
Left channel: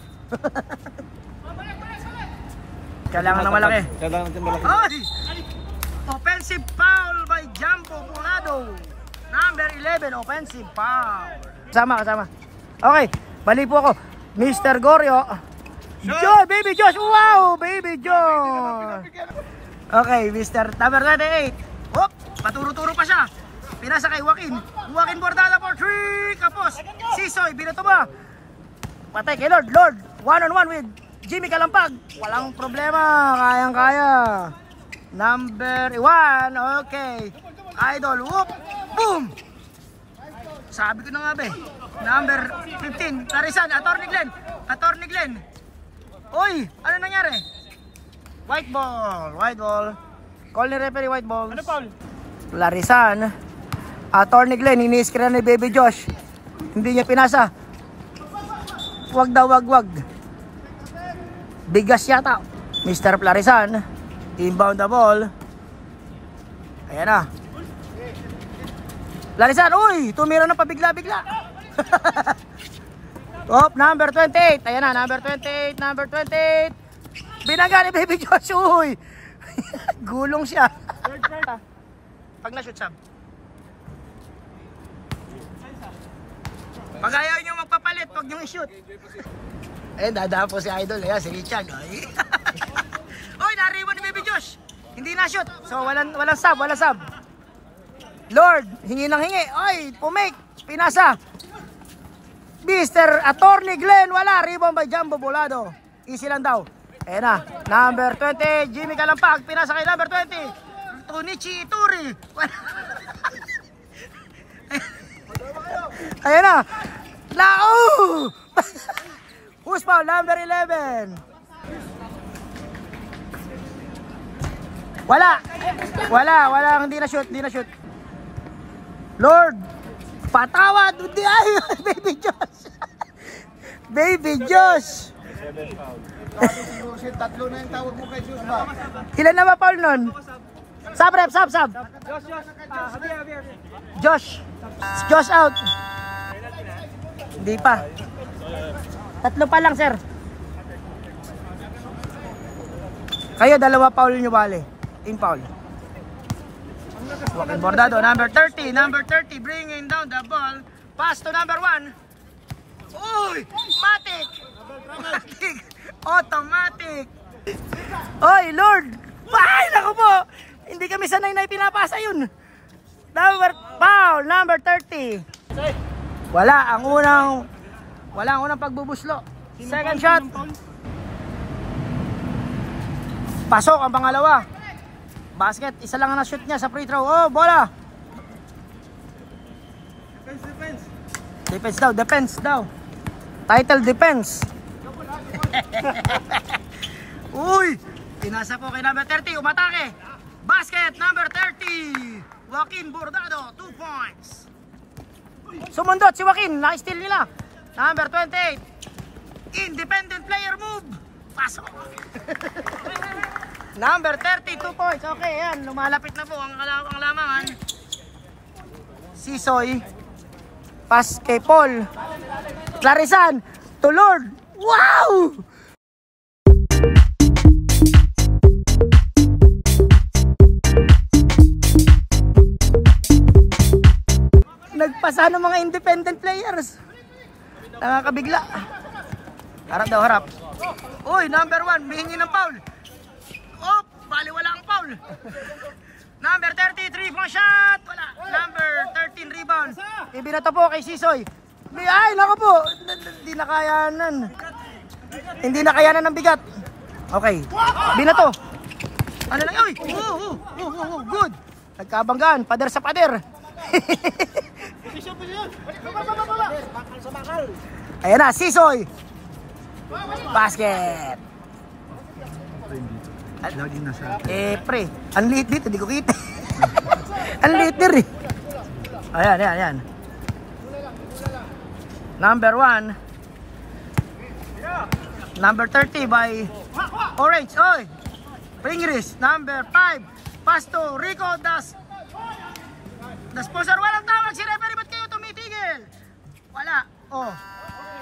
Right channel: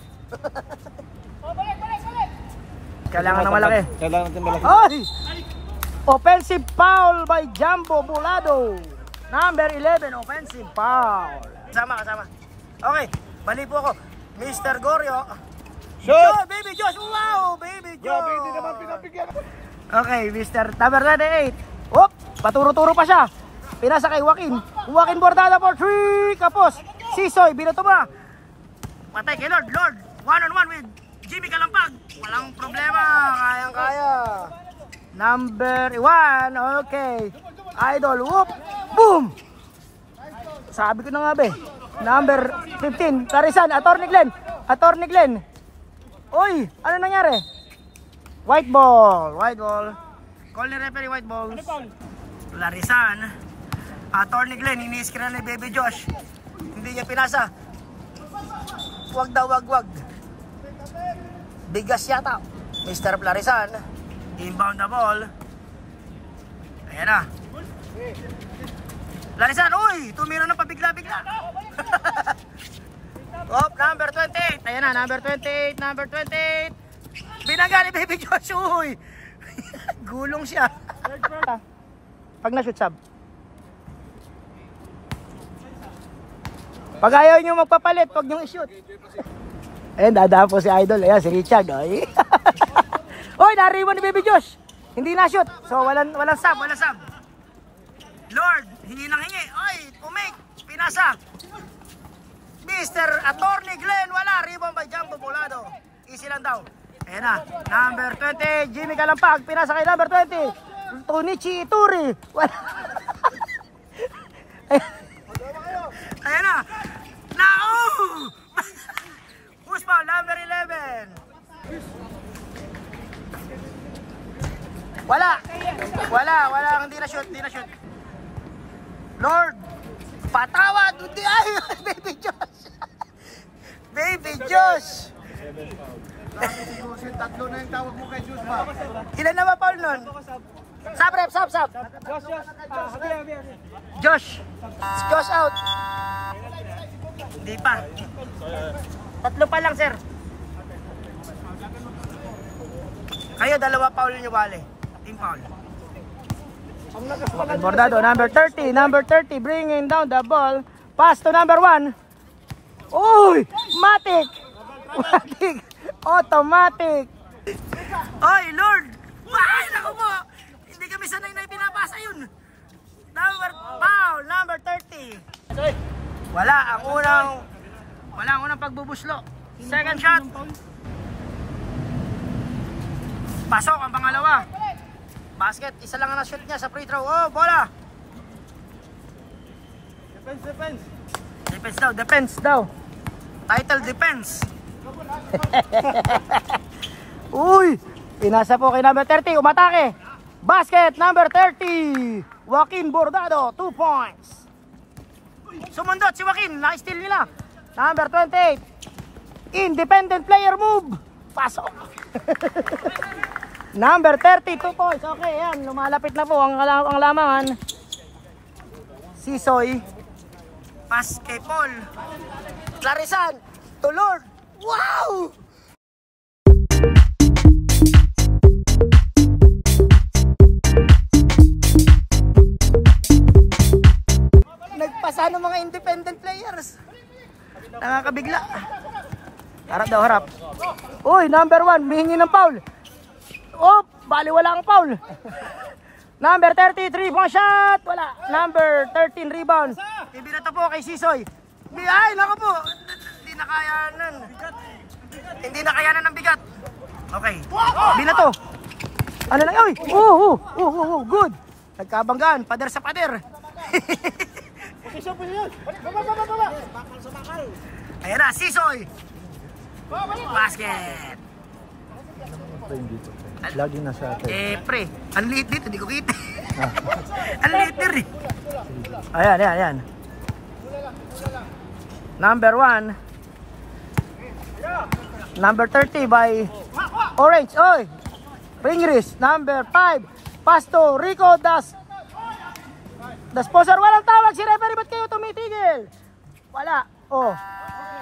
Kailangan ng malaki. Ay! Offensive foul by Jumbo Bolado. Number 11, offensive foul. Kasama. Okay, bali po ako. Mr. Goryo. Joy, Baby Josh. Wow, Baby Josh. Okay, Mr. Number 28. Oh, paturo-turo pa siya. Pinasa kay Joaquin Bordado for 3. Kapos. Sisoy, binato ba? Patay kay Lord. 1-on-1 with Jimmy Kalampag. Walang problema. Kayang-kaya. Number 1. Okay. Idol. Whoop. Boom. Sabi ko na nga be. Number 15. Tarisan. Attorney Glenn. Uy. Ano nangyari? White ball. Call ni referee white ball. Ano, Paul? Larisan. Attorney Glenn. Ini-screen ni Baby Josh. Hindi niya pinasa. Wag. Bigas yata. Mr. Plarisan. Inbound the ball. Ayan na. Plarisan, uy! Tumira na pabigla-bigla. Number 28. Ayan na, number 28. Binaga ni Baby Josh, uy! Gulong siya. Pag na-shoot sub. Pag ayaw nyo magpapalit, pag nyo i-shoot. Ayan, dadaan po si Idol. Ayan, si Richard. Oy, nariwan ni Baby Josh. Hindi na-shoot. So, walang sub. Lord, hingi ng hingi. Oy, pumake. Pinasa. Mr. Attorney Glenn, wala. Rebound by Jumbo Bolado. Easy lang daw. Ayan na. Number 20, Jimmy Kalampag. Pinasa kay number 20. Tonichi Ituri. Wala. Ayan na. Who's foul? Number 11. Wala. Hindi na shoot. Lord, patawad. Hindi ay. Baby Josh. Tatlo na yung tawag mo kay Diyos ba? Ilan na ba foul nun? Sub rep, sub. Josh. Josh out. Hindi pa. Tatlo pa lang, sir. Kayo, dalawa foul nyo bale. Team foul. Joaquin Bordado, number 30, bringing down the ball. Pass to number 1. Uy! Matic! Automatic! Oy, Lord! Ay, naku po! Hindi kami sanay na ipinapasa yun. Foul, number 30. Wala ang unang pagbubuslo. Second shot. Pasok ang pangalawa. Basket, isa lang ang na-shoot niya sa free throw. Oh, bola. Defense daw. Title defense. Uy, tinasa po kay number 30, umatake. Basket, number 30. Joaquin Bordado, 2 points. Sumundot si Joaquin, na-steal nila. Number 28. Independent player move. Pasok. Number 30, 2 points. Okay, yan. Lumalapit na po ang lamangan. Sisoy. Pass kay Paul. Clarisan. To Lord. Wow! Nagpasa ng mga independent players. Nakakabigla. Harap daw, harap. Uy, number 1. Mihingi ng foul. Oh, bali wala ang foul. Number 30, 3-point shot. Wala. Number 13, rebound. Ibinato po kay Sisoy. Ay, naku po. Hindi na kayanan. Hindi na kayanan ng bigat. Okay. Binato. Ano lang? Uy! Good. Nagkabanggaan. Pader sa pader. Ayan na, Sisoy. Basket. Laging nasa atin. Pre, ang liit dito, hindi ko kita. Ang liit dito eh. Ayan. Number 1. Number 30 by Orange. Oy! Pringris. Number 5. Pass to Rico Das. The sponsor. Walang tawag si referee. Ba't kayo tumitigil? Wala. Oh.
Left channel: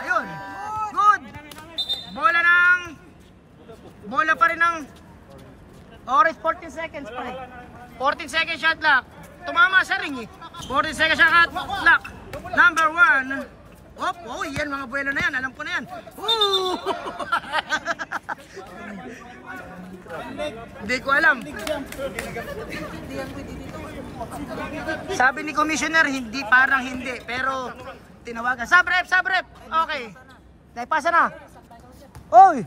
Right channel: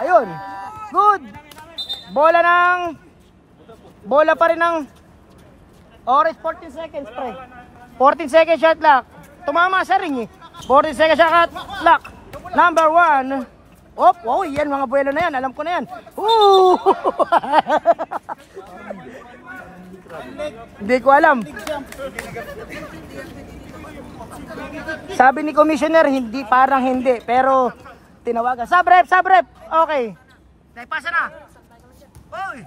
Ayun. Good. Bola pa rin ng Orange. 14 seconds pre. 14 seconds shot clock. Tumama sa ring eh. 14 seconds shot clock. Number 1. Oh, yan mga buwelo na yan. Alam ko na yan. Hindi ko alam. Sabi ni Commissioner, hindi, parang hindi. Pero, tinawagan. Sub rep. Okay. Naipasa na. Oy!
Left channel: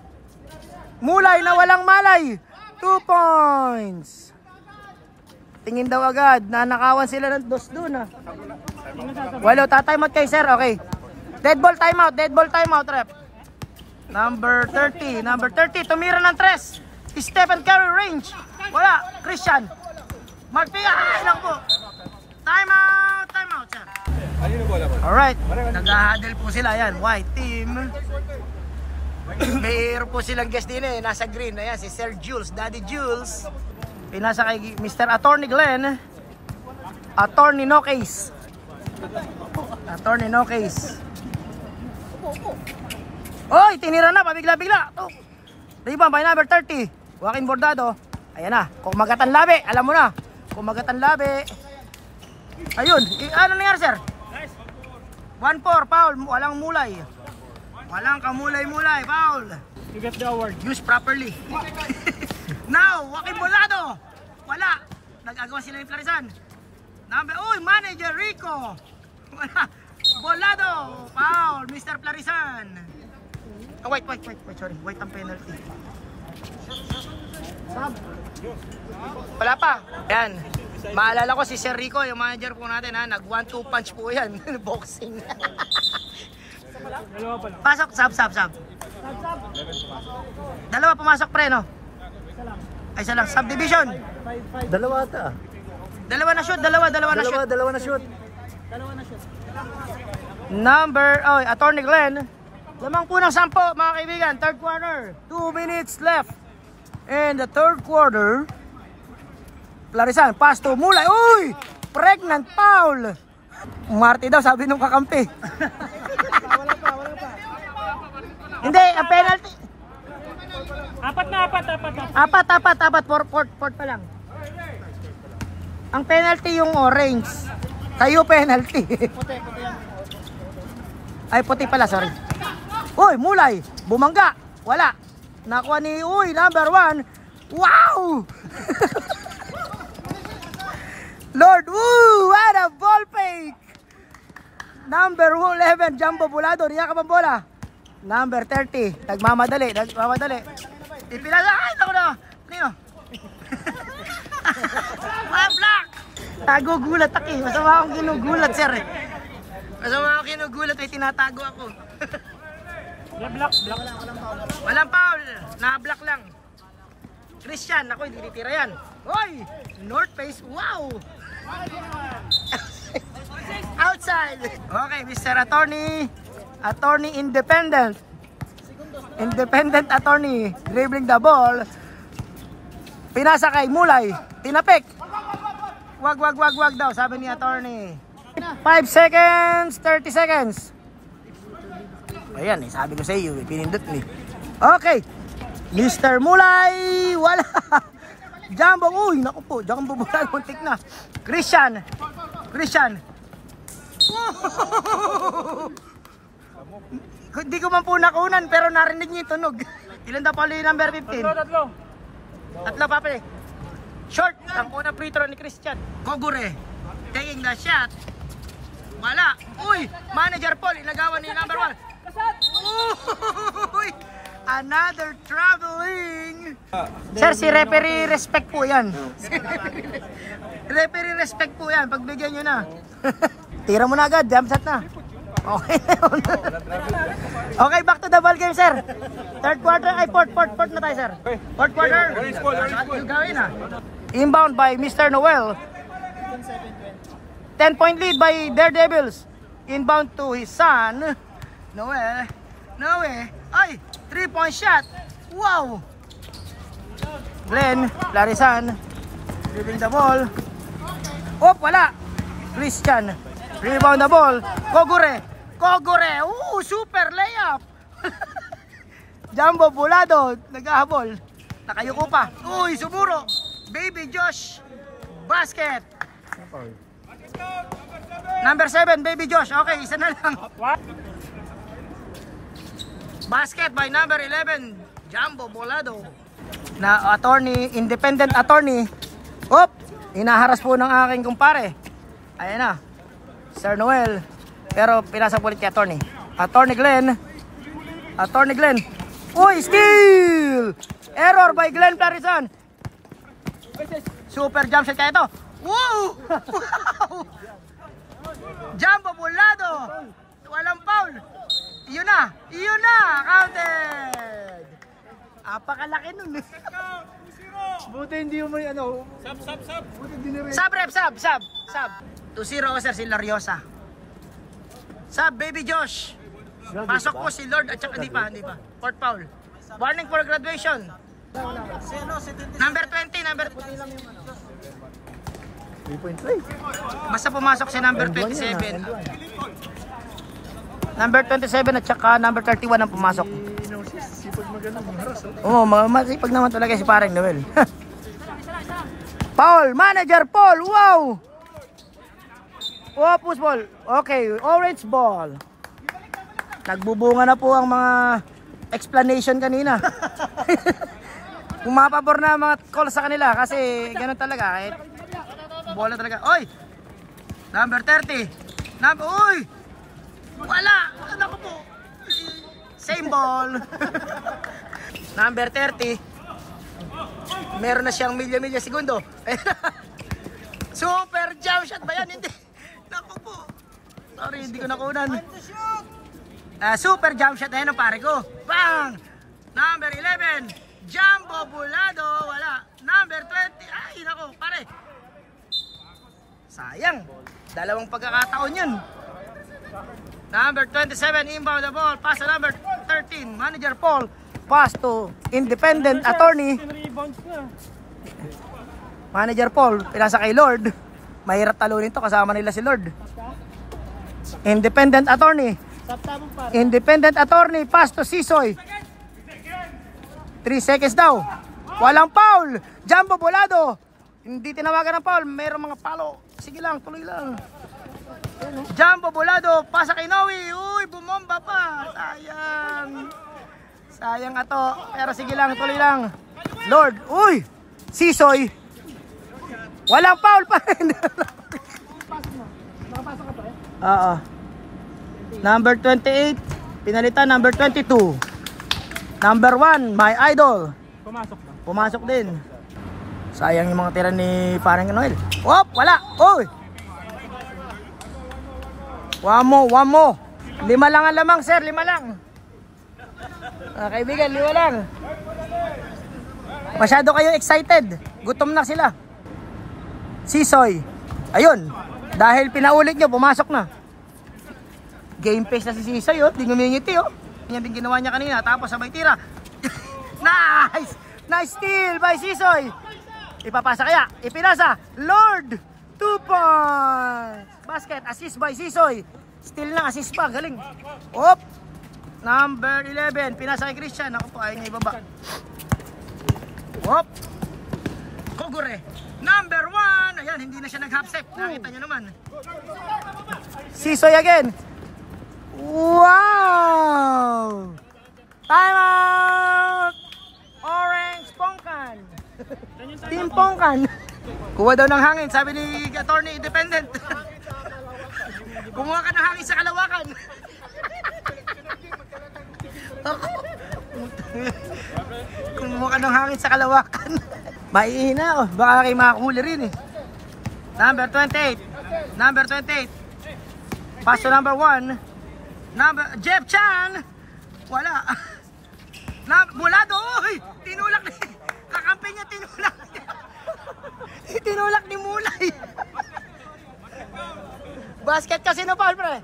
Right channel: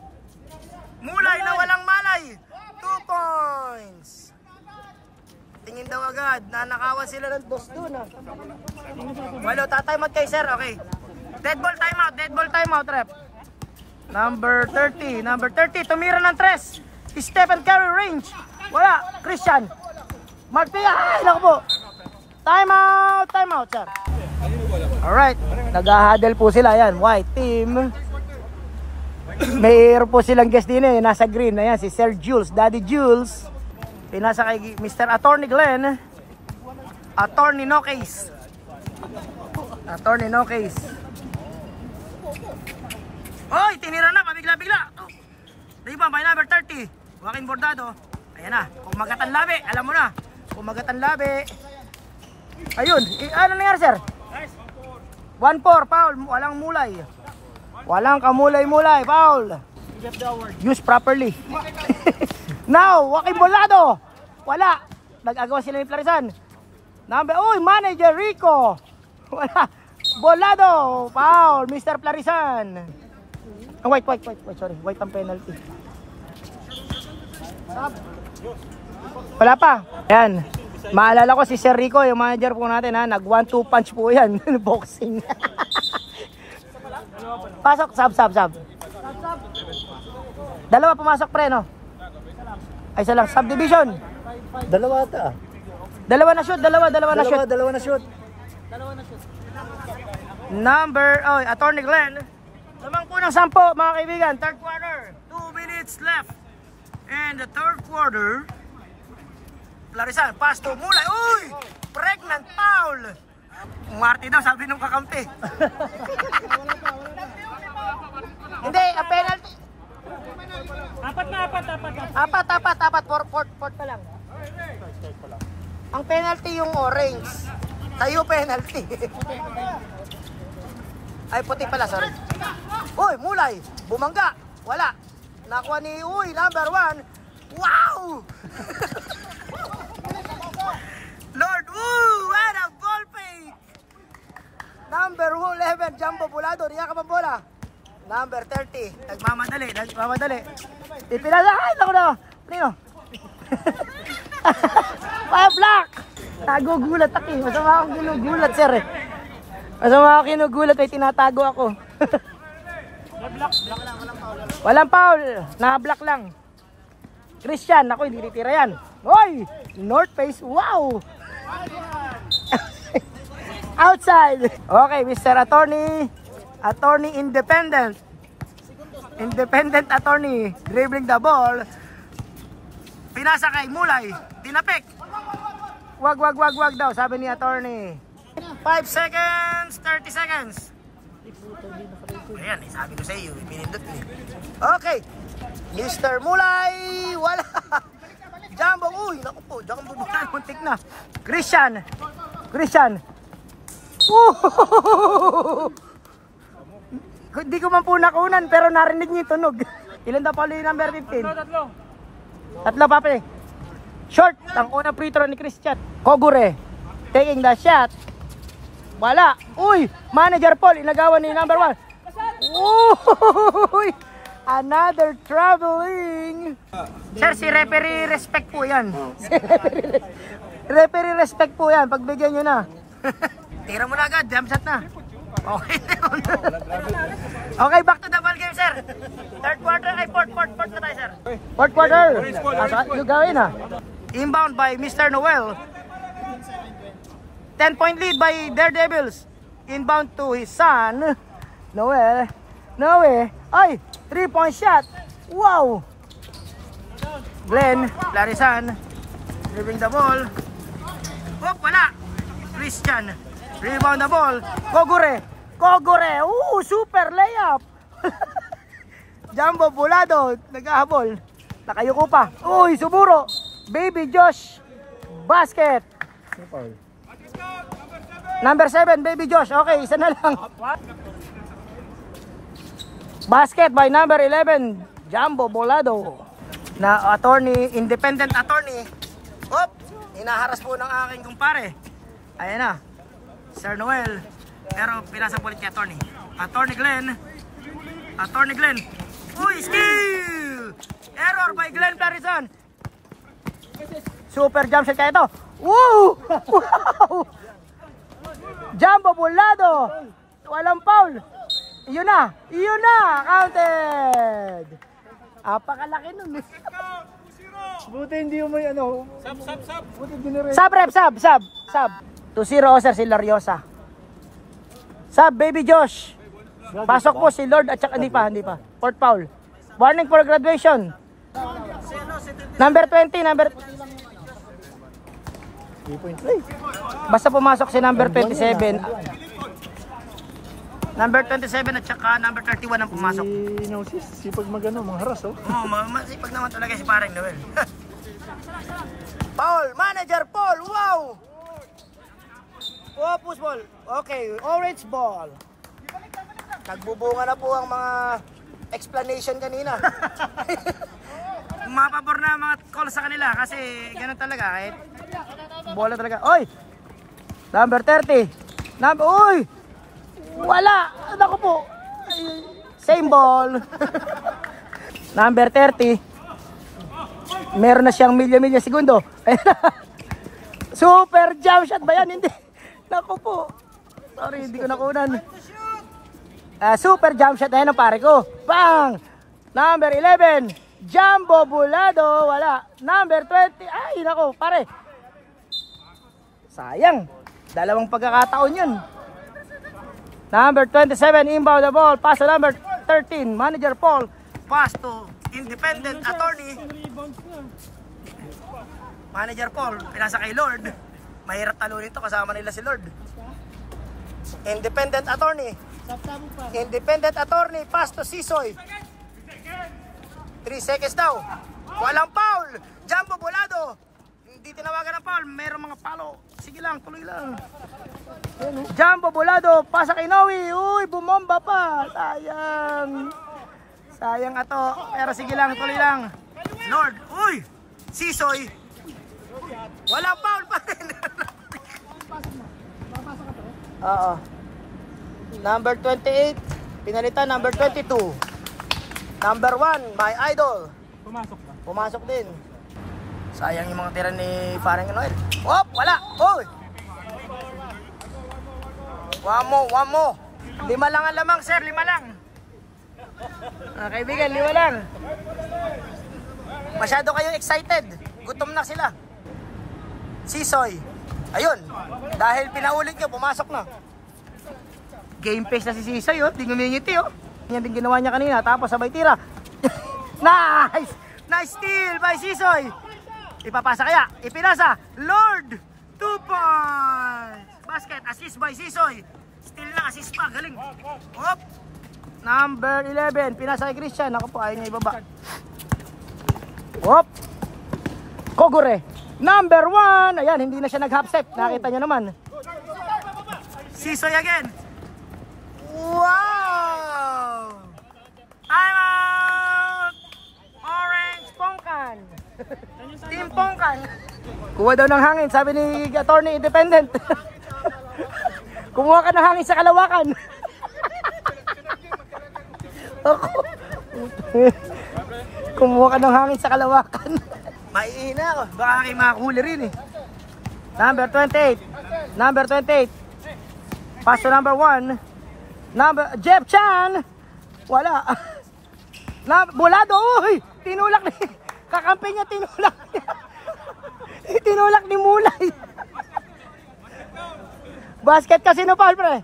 Mulay na walang malay. 2 points. Tingin daw agad. Nanakawan sila ng dos dun ah. Walo, tatimeout kayo sir. Okay. Dead ball timeout rep. Number 30, tumira ng 3. Stephen Curry range. Wala, Christian. Mark P. Ay, naku po. Timeout sir. Alright, nag-huddle po sila. Yan, white team. Mayroon po silang guest din eh. Nasa green. Ayan, si Sir Jules, Daddy Jules. Pinasa kay Mr. Attorney Glenn. Attorney No Case. Oy, tinira na, pabigla-bigla. Oh. Rebound by number 30. Joaquin Bordado. Ayan na, kumagatan labi. Alam mo na, kumagatan labi. Ayun, ano nangyari sir? 1-4, foul. Walang mulay. Walang kamulay-mulay, foul. You got the award. Use properly. Now, Joaquin Bordado. Wala. Nag-agawa sila ni Clarisan. Manager Rico. Wala. Bolado. Foul. Mr. Clarisan. Oh, wait. Sorry. White ang penalty. Wala pa. Yan. Maalala ko si Sir Rico, yung manager po natin ha. Nag 1-2 punch po yan. Boxing. Pasok. Sub. Dalawa pumasok pre no? Ay isa lang. Subdivision. Dalawa ata. Dalawa na shoot. Dalawa na shoot. Attorney Glenn. Lamang po ng 10 mga kaibigan. Third quarter. 2 minutes left in the third quarter. Larisan, pass to Mulay. Uy! Pregnant foul! Marty daw, sabi nung kakampi. Hindi, ang penalty. Apat. Fourth pa lang. Ang penalty yung orange. Tayo penalty. Ay, puti pala, sorry. Uy, Mulay. Bumangga. Wala. Nakuha ni, number 1. Wow! Lord, what a ball fake! Number 11, Jumbo Bulado. Niya ka bola. Number 30, nagmamadali. Ipilala, ay, naku na. Nino? Block! Nagugulat ako eh. Masama akong ginugulat, sir eh. Masama akong ginugulat ay tinatago ako. Block. Walang foul. Naka-block lang. Christian, ako hindi titira yan. Hoy! North face, wow! Outside. Okay, Mr. Attorney. Attorney independent. Independent attorney. Dribbling the ball. Pinasa kay Mulay. Tinapik. Wag daw, sabi ni attorney. 5 seconds, 30 seconds. Ayan, sabi ko sa iyo, pinindot ni. Okay. Mr. Mulay, wala. Jumbo, naku po, Jumbo bulan, muntik na. Christian. Hindi ko man po nakunan, pero narinig niyo yung tunog. Ilan daw pala yung number 15? Tatlo pa pa. Short, ang unang free throw ni Christian. Kogure, taking the shot. Wala. Manager Paul, inagawan ni number 1. Another traveling. Sir, si referee respect po yan. Referee respect po yan. Pagbigyan nyo na. Tira mo na agad. Jump shot na. Okay. Okay, back to the ball game, sir. Third quarter. Ay, fourth na tayo, sir. Fourth quarter. Saan nyo gawin, ha? Inbound by Mr. Noel. 10-point lead by Daredevils. Inbound to his son. Noel. Ay, 3-point shot. Wow. Glenn, Larisan. Dribbling the ball. Wala. Christian. Rebound the ball. Kogure. Super layup. Jumbo Bulado. Nag-ahabol. Nakayuko pa. Suburo. Baby Josh. Basket. Number 7, Baby Josh. Okay, isa na lang. Basket by number 11, Jumbo Bulado. Na attorney, independent attorney. Hinaharas po ng aking kumpare. Ayan na. Sir Noel. Pero pinasa po ulit kay attorney. Attorney Glenn. Skill! Error by Glenn Clarisan. Super jump shot kaya ito. Wow! Jumbo Bulado. Walang foul. Iyon na. Counted. Apakalaki nun eh. Buti hindi mo may Sub. Buti dinire. Sub. 2-0 sir si Lariosa. Sub, Baby Josh. Pasok po si Lord at saka hindi pa. Fourth foul. Warning for graduation. Number 20, basta pumasok si number 27. Number 27 at saka number 31 ang pumasok. Sipag mangharas Masipag naman talaga si parang Noel. Paul, Manager Paul, wow! Push ball. Okay, orange ball. Nagbubunga na po ang mga explanation kanina. Pumapabor na mga call sa kanila kasi gano'n talaga. Kahit bola talaga. Number 30. Wala. Naku po. Same ball. Number 30. Meron na siyang milya-milya segundo. Super jump shot ba yan? Hindi. Naku po. Sorry, hindi ko nakunan. Super jump shot. Ayan ang pare ko. Bang! Number 11. Jumbo Bulado. Wala. Number 20. Ay, naku, pare. Sayang. Dalawang pagkakataon yun. Number 27, inbound the ball. Pass to number 13, Manager Paul. Pass to independent attorney. Rebounds na. Manager Paul, pinasa kay Lord. Mahirap talunin to, kasama nila si Lord. Independent attorney. Independent attorney, pass to Sisoy. 3 seconds daw. Walang foul. Jumbo Bolado. Hindi tinawagan ng foul, mayroong mga palo. Sige lang, tuloy lang. Jumbo Bolado, pasa kay Noe. Uy, bumomba pa. Sayang. Sayang ato. Pero sige lang, tuloy lang. Lord, uy. Sisoy. Walang foul pa rin. Number 28. Pinalitan, number 22. Number 1, my idol. Pumasok ba? Pumasok din. Sayang yung mga tira ni Parang Noel. Wop, wala. Uy. One mo. 5 lang ang lamang, sir. 5 lang. Kaibigan, 5 lang. Masyado kayo excited. Gutom na sila. Sisoy. Ayun. Dahil pinaulit nyo, pumasok na. Game face na si Sisoy, oh. Di ngumingiti, oh. Yan din ginawa niya kanina. Tapos sabay tira. Nice! Nice steal by Sisoy. Ipapasa kaya. Ipinasa. Lord. 2 points. Basket. Assist by Sisoy. Steal na. Assist pa. Galing. Op. Number 11. Pinasa kay Christian. Ako po. Ayaw niya ibaba. Op. Kogure. Number 1. Ayan. Hindi na siya nag-half step. Nakita niyo naman. Sisoy again. Wow. Time out. Orange Pongkan. Team Pongkan. Kuha daw ng hangin, sabi ni attorney independent. Kumuha ka ng hangin sa Kalawakan. Kumuha ka ng hangin sa Kalawakan. Maihina ako, baka kayo makakuli rin eh. Number 28. Number 28. Pass to number 1. Number Jeff Chan. Wala. Bolado. Uy, tinulak ni kakampi niya, tinulak. Tinulak ni Mulay. Basket kasi no foul, pre.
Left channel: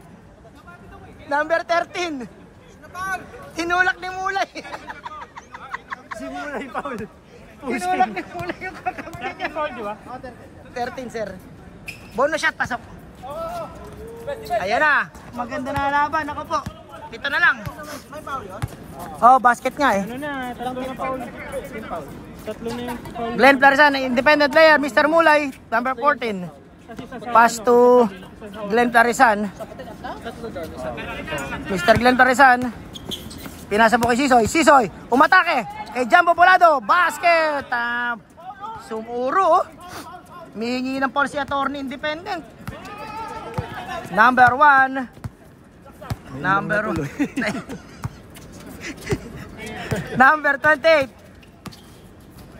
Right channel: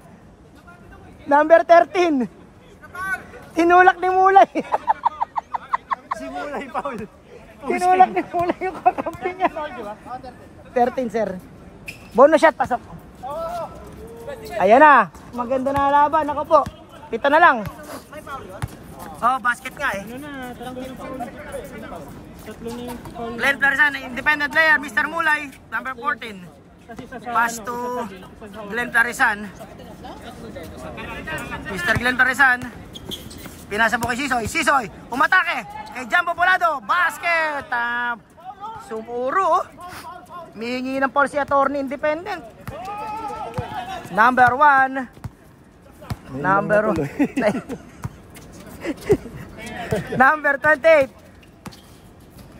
Number 13. Tinulak ni Mulay. Si Mulay foul. Tinulak ni Mulay yung kakampi niya. 13, sir. Bonus shot, pasok. Ayan na. Maganda na laban. Ako po. Kita na lang. Oh, basket nga eh. Ano na, tatlo na foul. Tatlo na yung foul. Glenn Plarisan, independent player, Mr. Mulay, number 14. Kasi sa Pass to Glenn Plarisan. Mr. Glenn Plarisan. Pinasa mo kay Sisoy. Sisoy, umatake kay Jumbo Bolado. Basket. Sumuro. Mihingi ng foul si attorney independent. Number 1. Number 1. Number 28.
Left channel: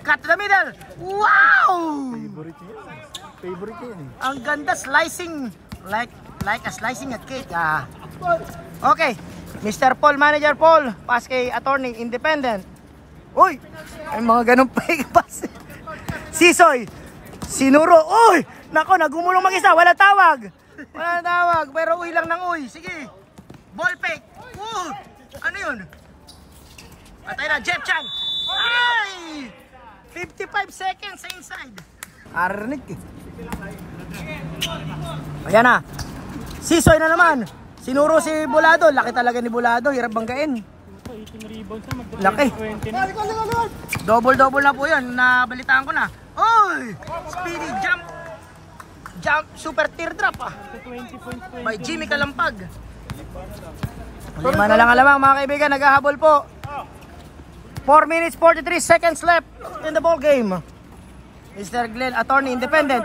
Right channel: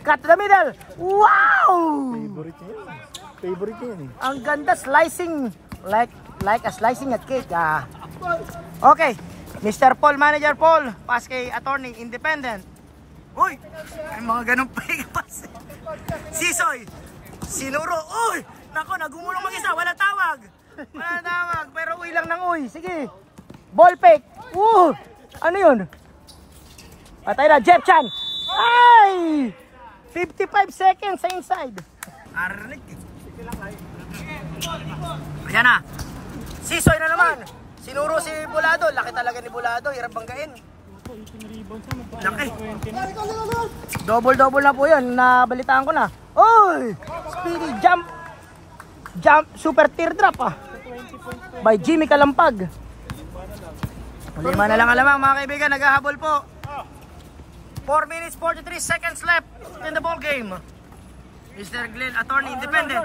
Cut to the middle. Wow! Favorite yan eh. Ang ganda, slicing like a slicing at cake. Okay, Mr. Paul, Manager Paul, pass kay attorney independent. Uy, ay mga ganun pa pass. Sisoy, sinuro. Uy, nako, nagumulong mag-isa, wala tawag. Wala tawag, pero uy lang ng uy. Sige, ball fake. Ano yun? Patay na, Jeff Chan. Ay! 55 seconds sa inside. Arnik eh. Ayan na. Sisoy na naman. Sinuro si Bolado. Laki talaga ni Bolado. Hirap banggain. 18 rebounds na. Laki. 20 na. Double-double na po yun. Nabalitaan ko na. Oy! Speedy jump. Jump. Super teardrop. By Jimmy Kalampag. 5 na lang alamang mga kaibigan. Naghahabol po. 4 minutes 43 seconds left in the ball game. Mr. Glenn, attorney independent.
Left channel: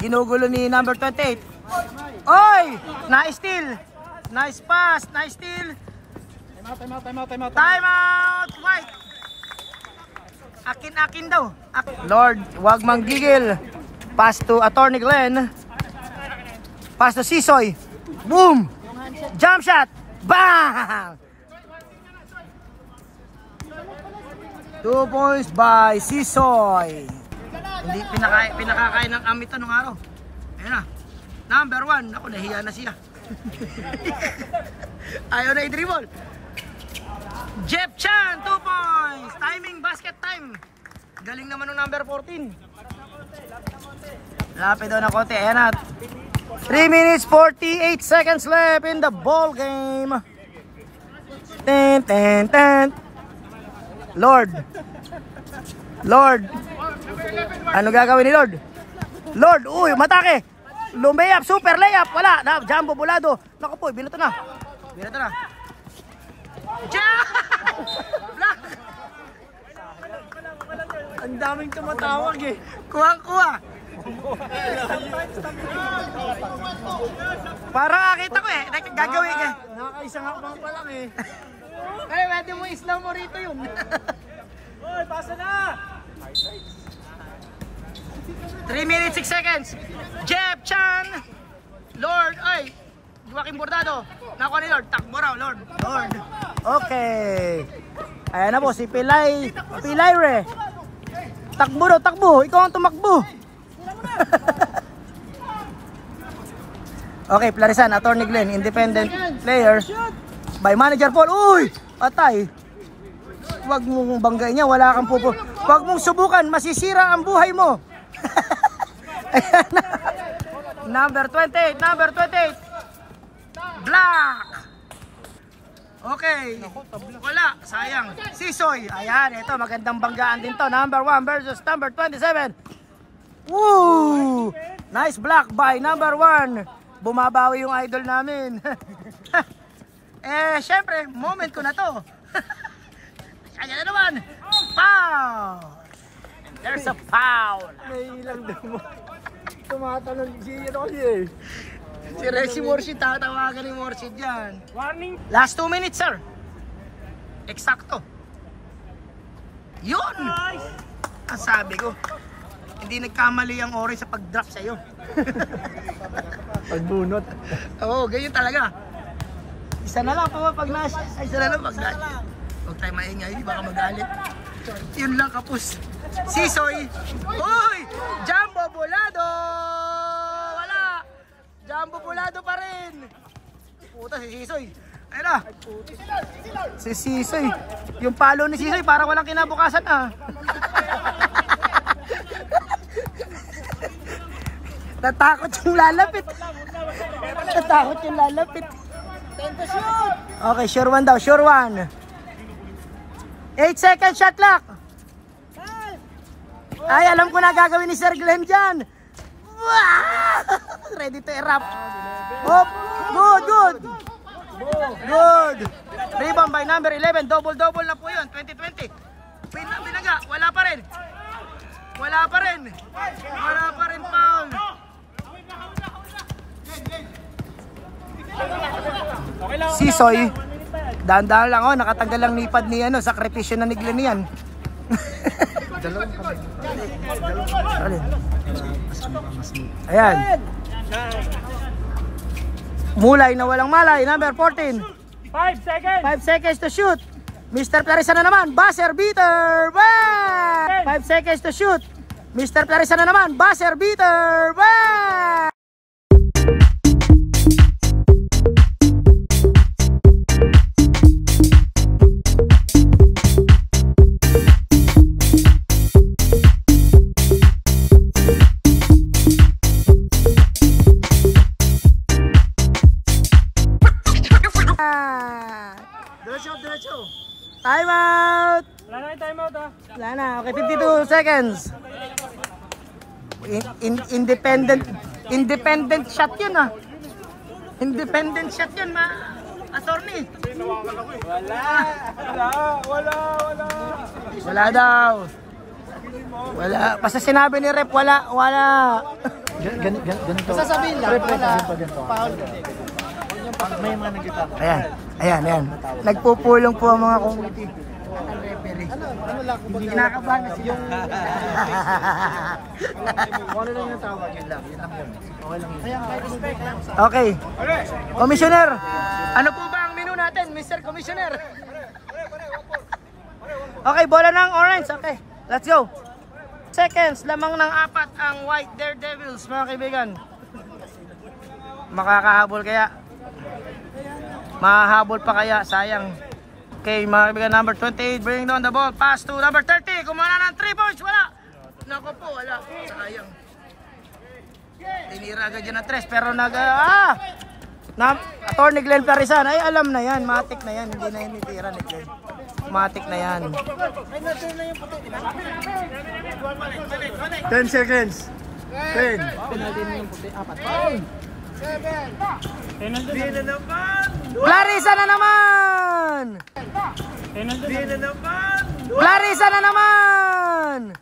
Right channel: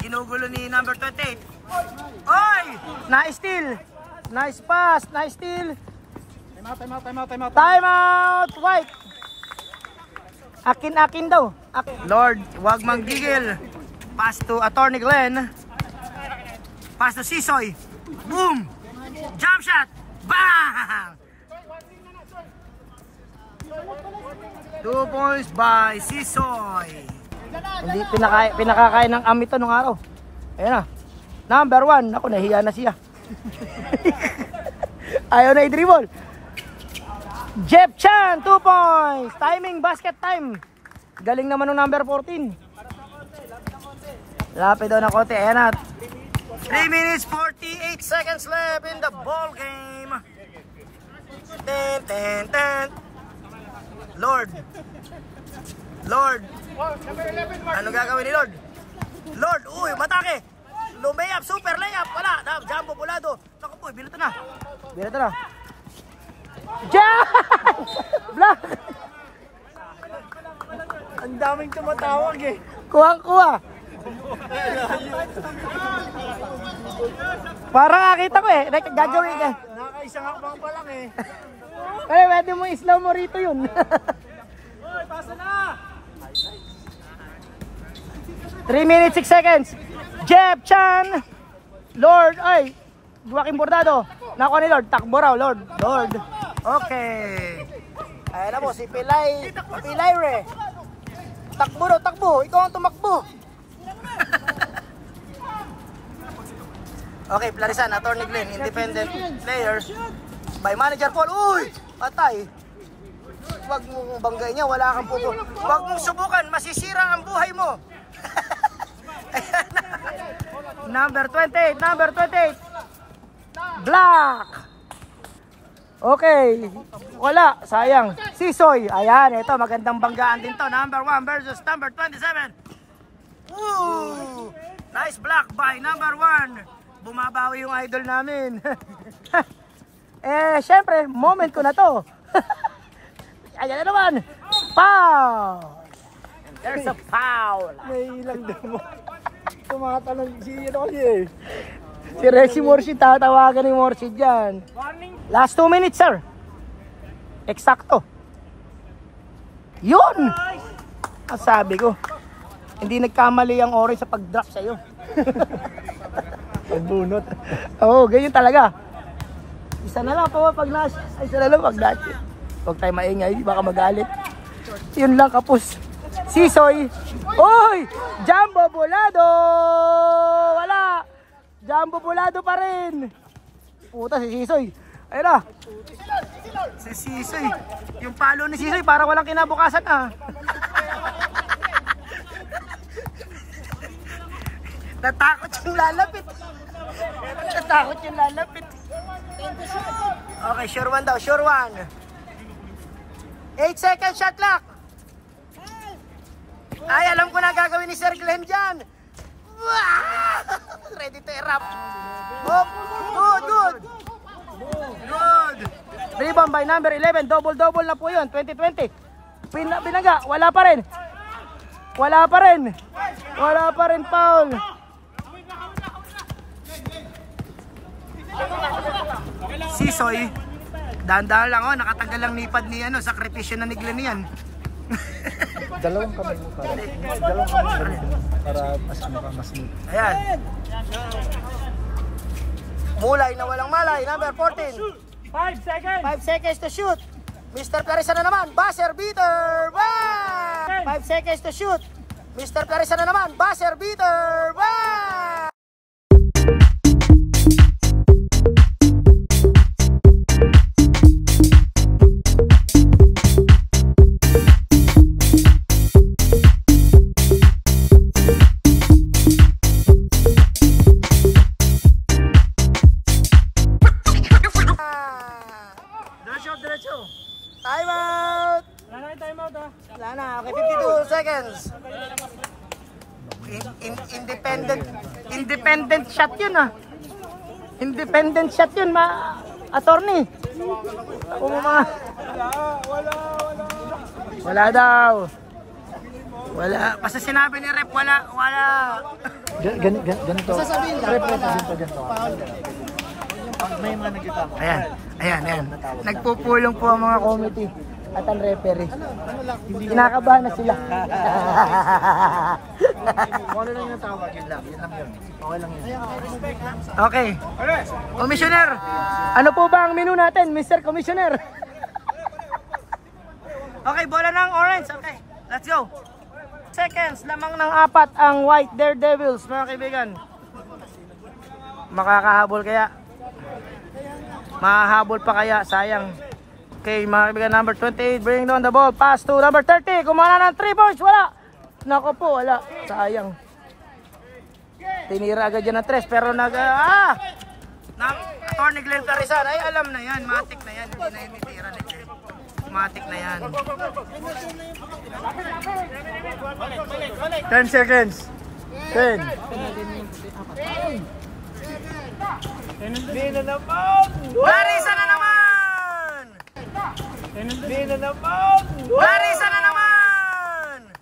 Ginugulo ni number 28. Oy! Nice steal. Nice pass. Nice steal. Time out. White. Akin daw. Lord, wag manggigil. Pass to attorney Glenn. Pass to Sisoy. Boom. Jump shot. Bang! 2 points by Sisoy. Hindi pinakakain ng amito nung araw. Ayun na. Number 1. Ako, nahiya na siya. Ayaw na i-dribble. Jeff Chan, 2 points. Timing, basket time. Galing naman ng number 14. Lapit daw na konti. Ayan na. 3 minutes 48 seconds left in the ball game. Ten, ten, ten. Lord. Ano gagawin ni Lord? Lord, uy, matake. Lumayap, super layup. Wala. Jumbo bulado. Naku po, binato na. Jump! Block! Ang daming tumatawag eh. Kuha. Parang nakita ko eh. Gagawin ka. Nakaisa nga pang pa lang eh. Kaya pwede mo islam mo rito yun. 3 minutes 6 seconds. Jeff Chan. Lord, ay. Joaquin Bordado. Nakuha ni Lord. Takbo raw, Lord. Okay. Ayan na po si Pilay Re. Takbo. Ikaw ang tumakbo. Okay, Plarisan, Attorney Glenn, independent player. By Manager Paul. Uy! Atay. Huwag mong banggay niya, wala kang pupo. Huwag mong subukan, masisira ang buhay mo. Number 28. Black. Okay. Wala, sayang. Sisoy. Ayan, ito magandang banggaan din to. Number 1 versus number 27. Woo! Nice block by number 1. Bumabawi yung idol namin. Syempre, moment ko na to. Ayan na naman. Foul. And there's a foul. May ilang damo. Tumatanong si eh. Si Rexy Morshid, tatawagan ni Morshid dyan. Last 2 minutes, sir. Eksakto. Yun! Ang sabi ko, hindi nagkamali ang orange sa pag-drop sa'yo. Pagbunot. Oo, ganyan talaga. Isa na lang po pag nas. Ay, isa na lang pag nas. Huwag tayo maingay, baka magalit. Yun lang, kapos. Sisoy. Uy! Jumbo Bulado! Wala! Jumbo Bulado pa rin. Puta, si Sisoy. Ayun na. Si Sisoy. Yung palo ni Sisoy para walang kinabukasan ah. Natakot yung lalapit. Okay, sure one daw. 8 second shot clock. Ay, alam ko na gagawin ni Sir Glenn dyan. Ready to erupt. Good. Rebound by number 11. Double na po yun. 2020. Binaga. Wala pa rin. Foul. Sisoy. Dahan-dahan lang oh. Nakatanggal lang nipad ni sakripisyo na ni Glenn yan. Ayan. Mulay na walang malay. Number 14. 5 seconds. 5 seconds to shoot. Mr. Clarissa na naman. Buzzer beater. 5 seconds to shoot. Mr. Clarissa na naman. Buzzer beater. Diretso. Time out. Wala na yung timeout ah. Wala na. Okay, 52 seconds. Independent shot yun ah. Independent shot yun, attorney. Wala daw. Wala. Basta sinabi ni Rep, wala. Ganito. Basta sabihin lang, wala. Foul. May mga nagkita. Ayan. Nagpupulong po ang mga committee at ang referee. Ano lang? Kinakabahan na sila. Ano lang yung tawag? Yun lang yun. Okay lang yun. Okay. Commissioner, ano po ba ang menu natin, Mr. Commissioner? Okay, bola ng orange. Okay, let's go. Seconds, lamang ng 4 ang White Daredevils, mga kaibigan. Makakahabol kaya? Mahahabol pa kaya? Sayang. Okay, mga kaibigan, number 28, bring down the ball. Pass to number 30. Kumana ng 3 points. Wala. Nako po, wala. Sayang. Tinira agad yan ng 3, pero Attorney Glenn Clarisan, ay alam na yan. Matik na yan. Hindi na yung tira ni Glenn. Matik na yan. 10 seconds. 10. Clarissa na naman! Clarissa na naman!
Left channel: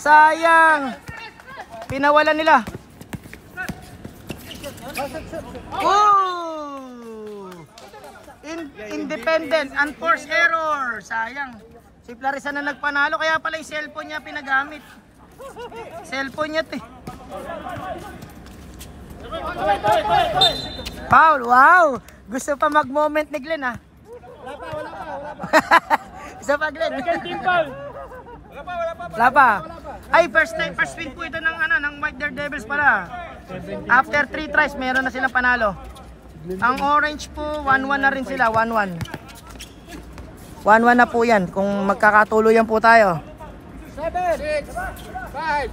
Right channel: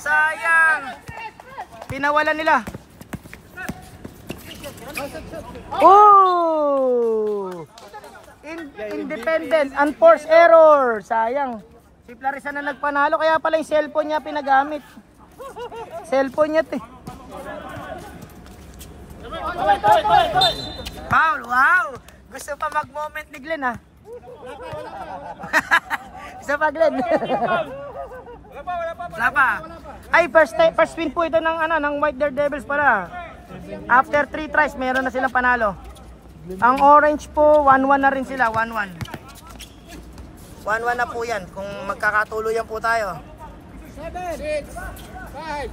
Sayang! Pinawalan nila. Oh! Independent, unforced error. Sayang. Si Clarissa na nagpanalo, kaya pala yung cellphone niya pinagamit. Cellphone niya, Foul, wow! Gusto pa mag-moment ni Glenn, ha? Isa pa, Glenn. Wala pa. Ay, first win po ito ng White Daredevils pala. After 3 tries, meron na silang panalo. Ang orange po, 1-1 na rin sila, 1-1. 1-1 na po yan, kung magkakatuluyan po tayo. 7, 6, 5,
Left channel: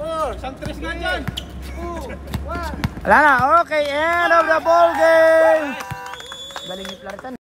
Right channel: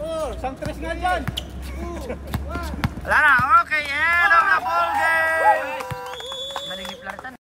4, isang tris nga yan. 2, 1. Wala na, okay, end of the ball game. Galing ni Clarissa.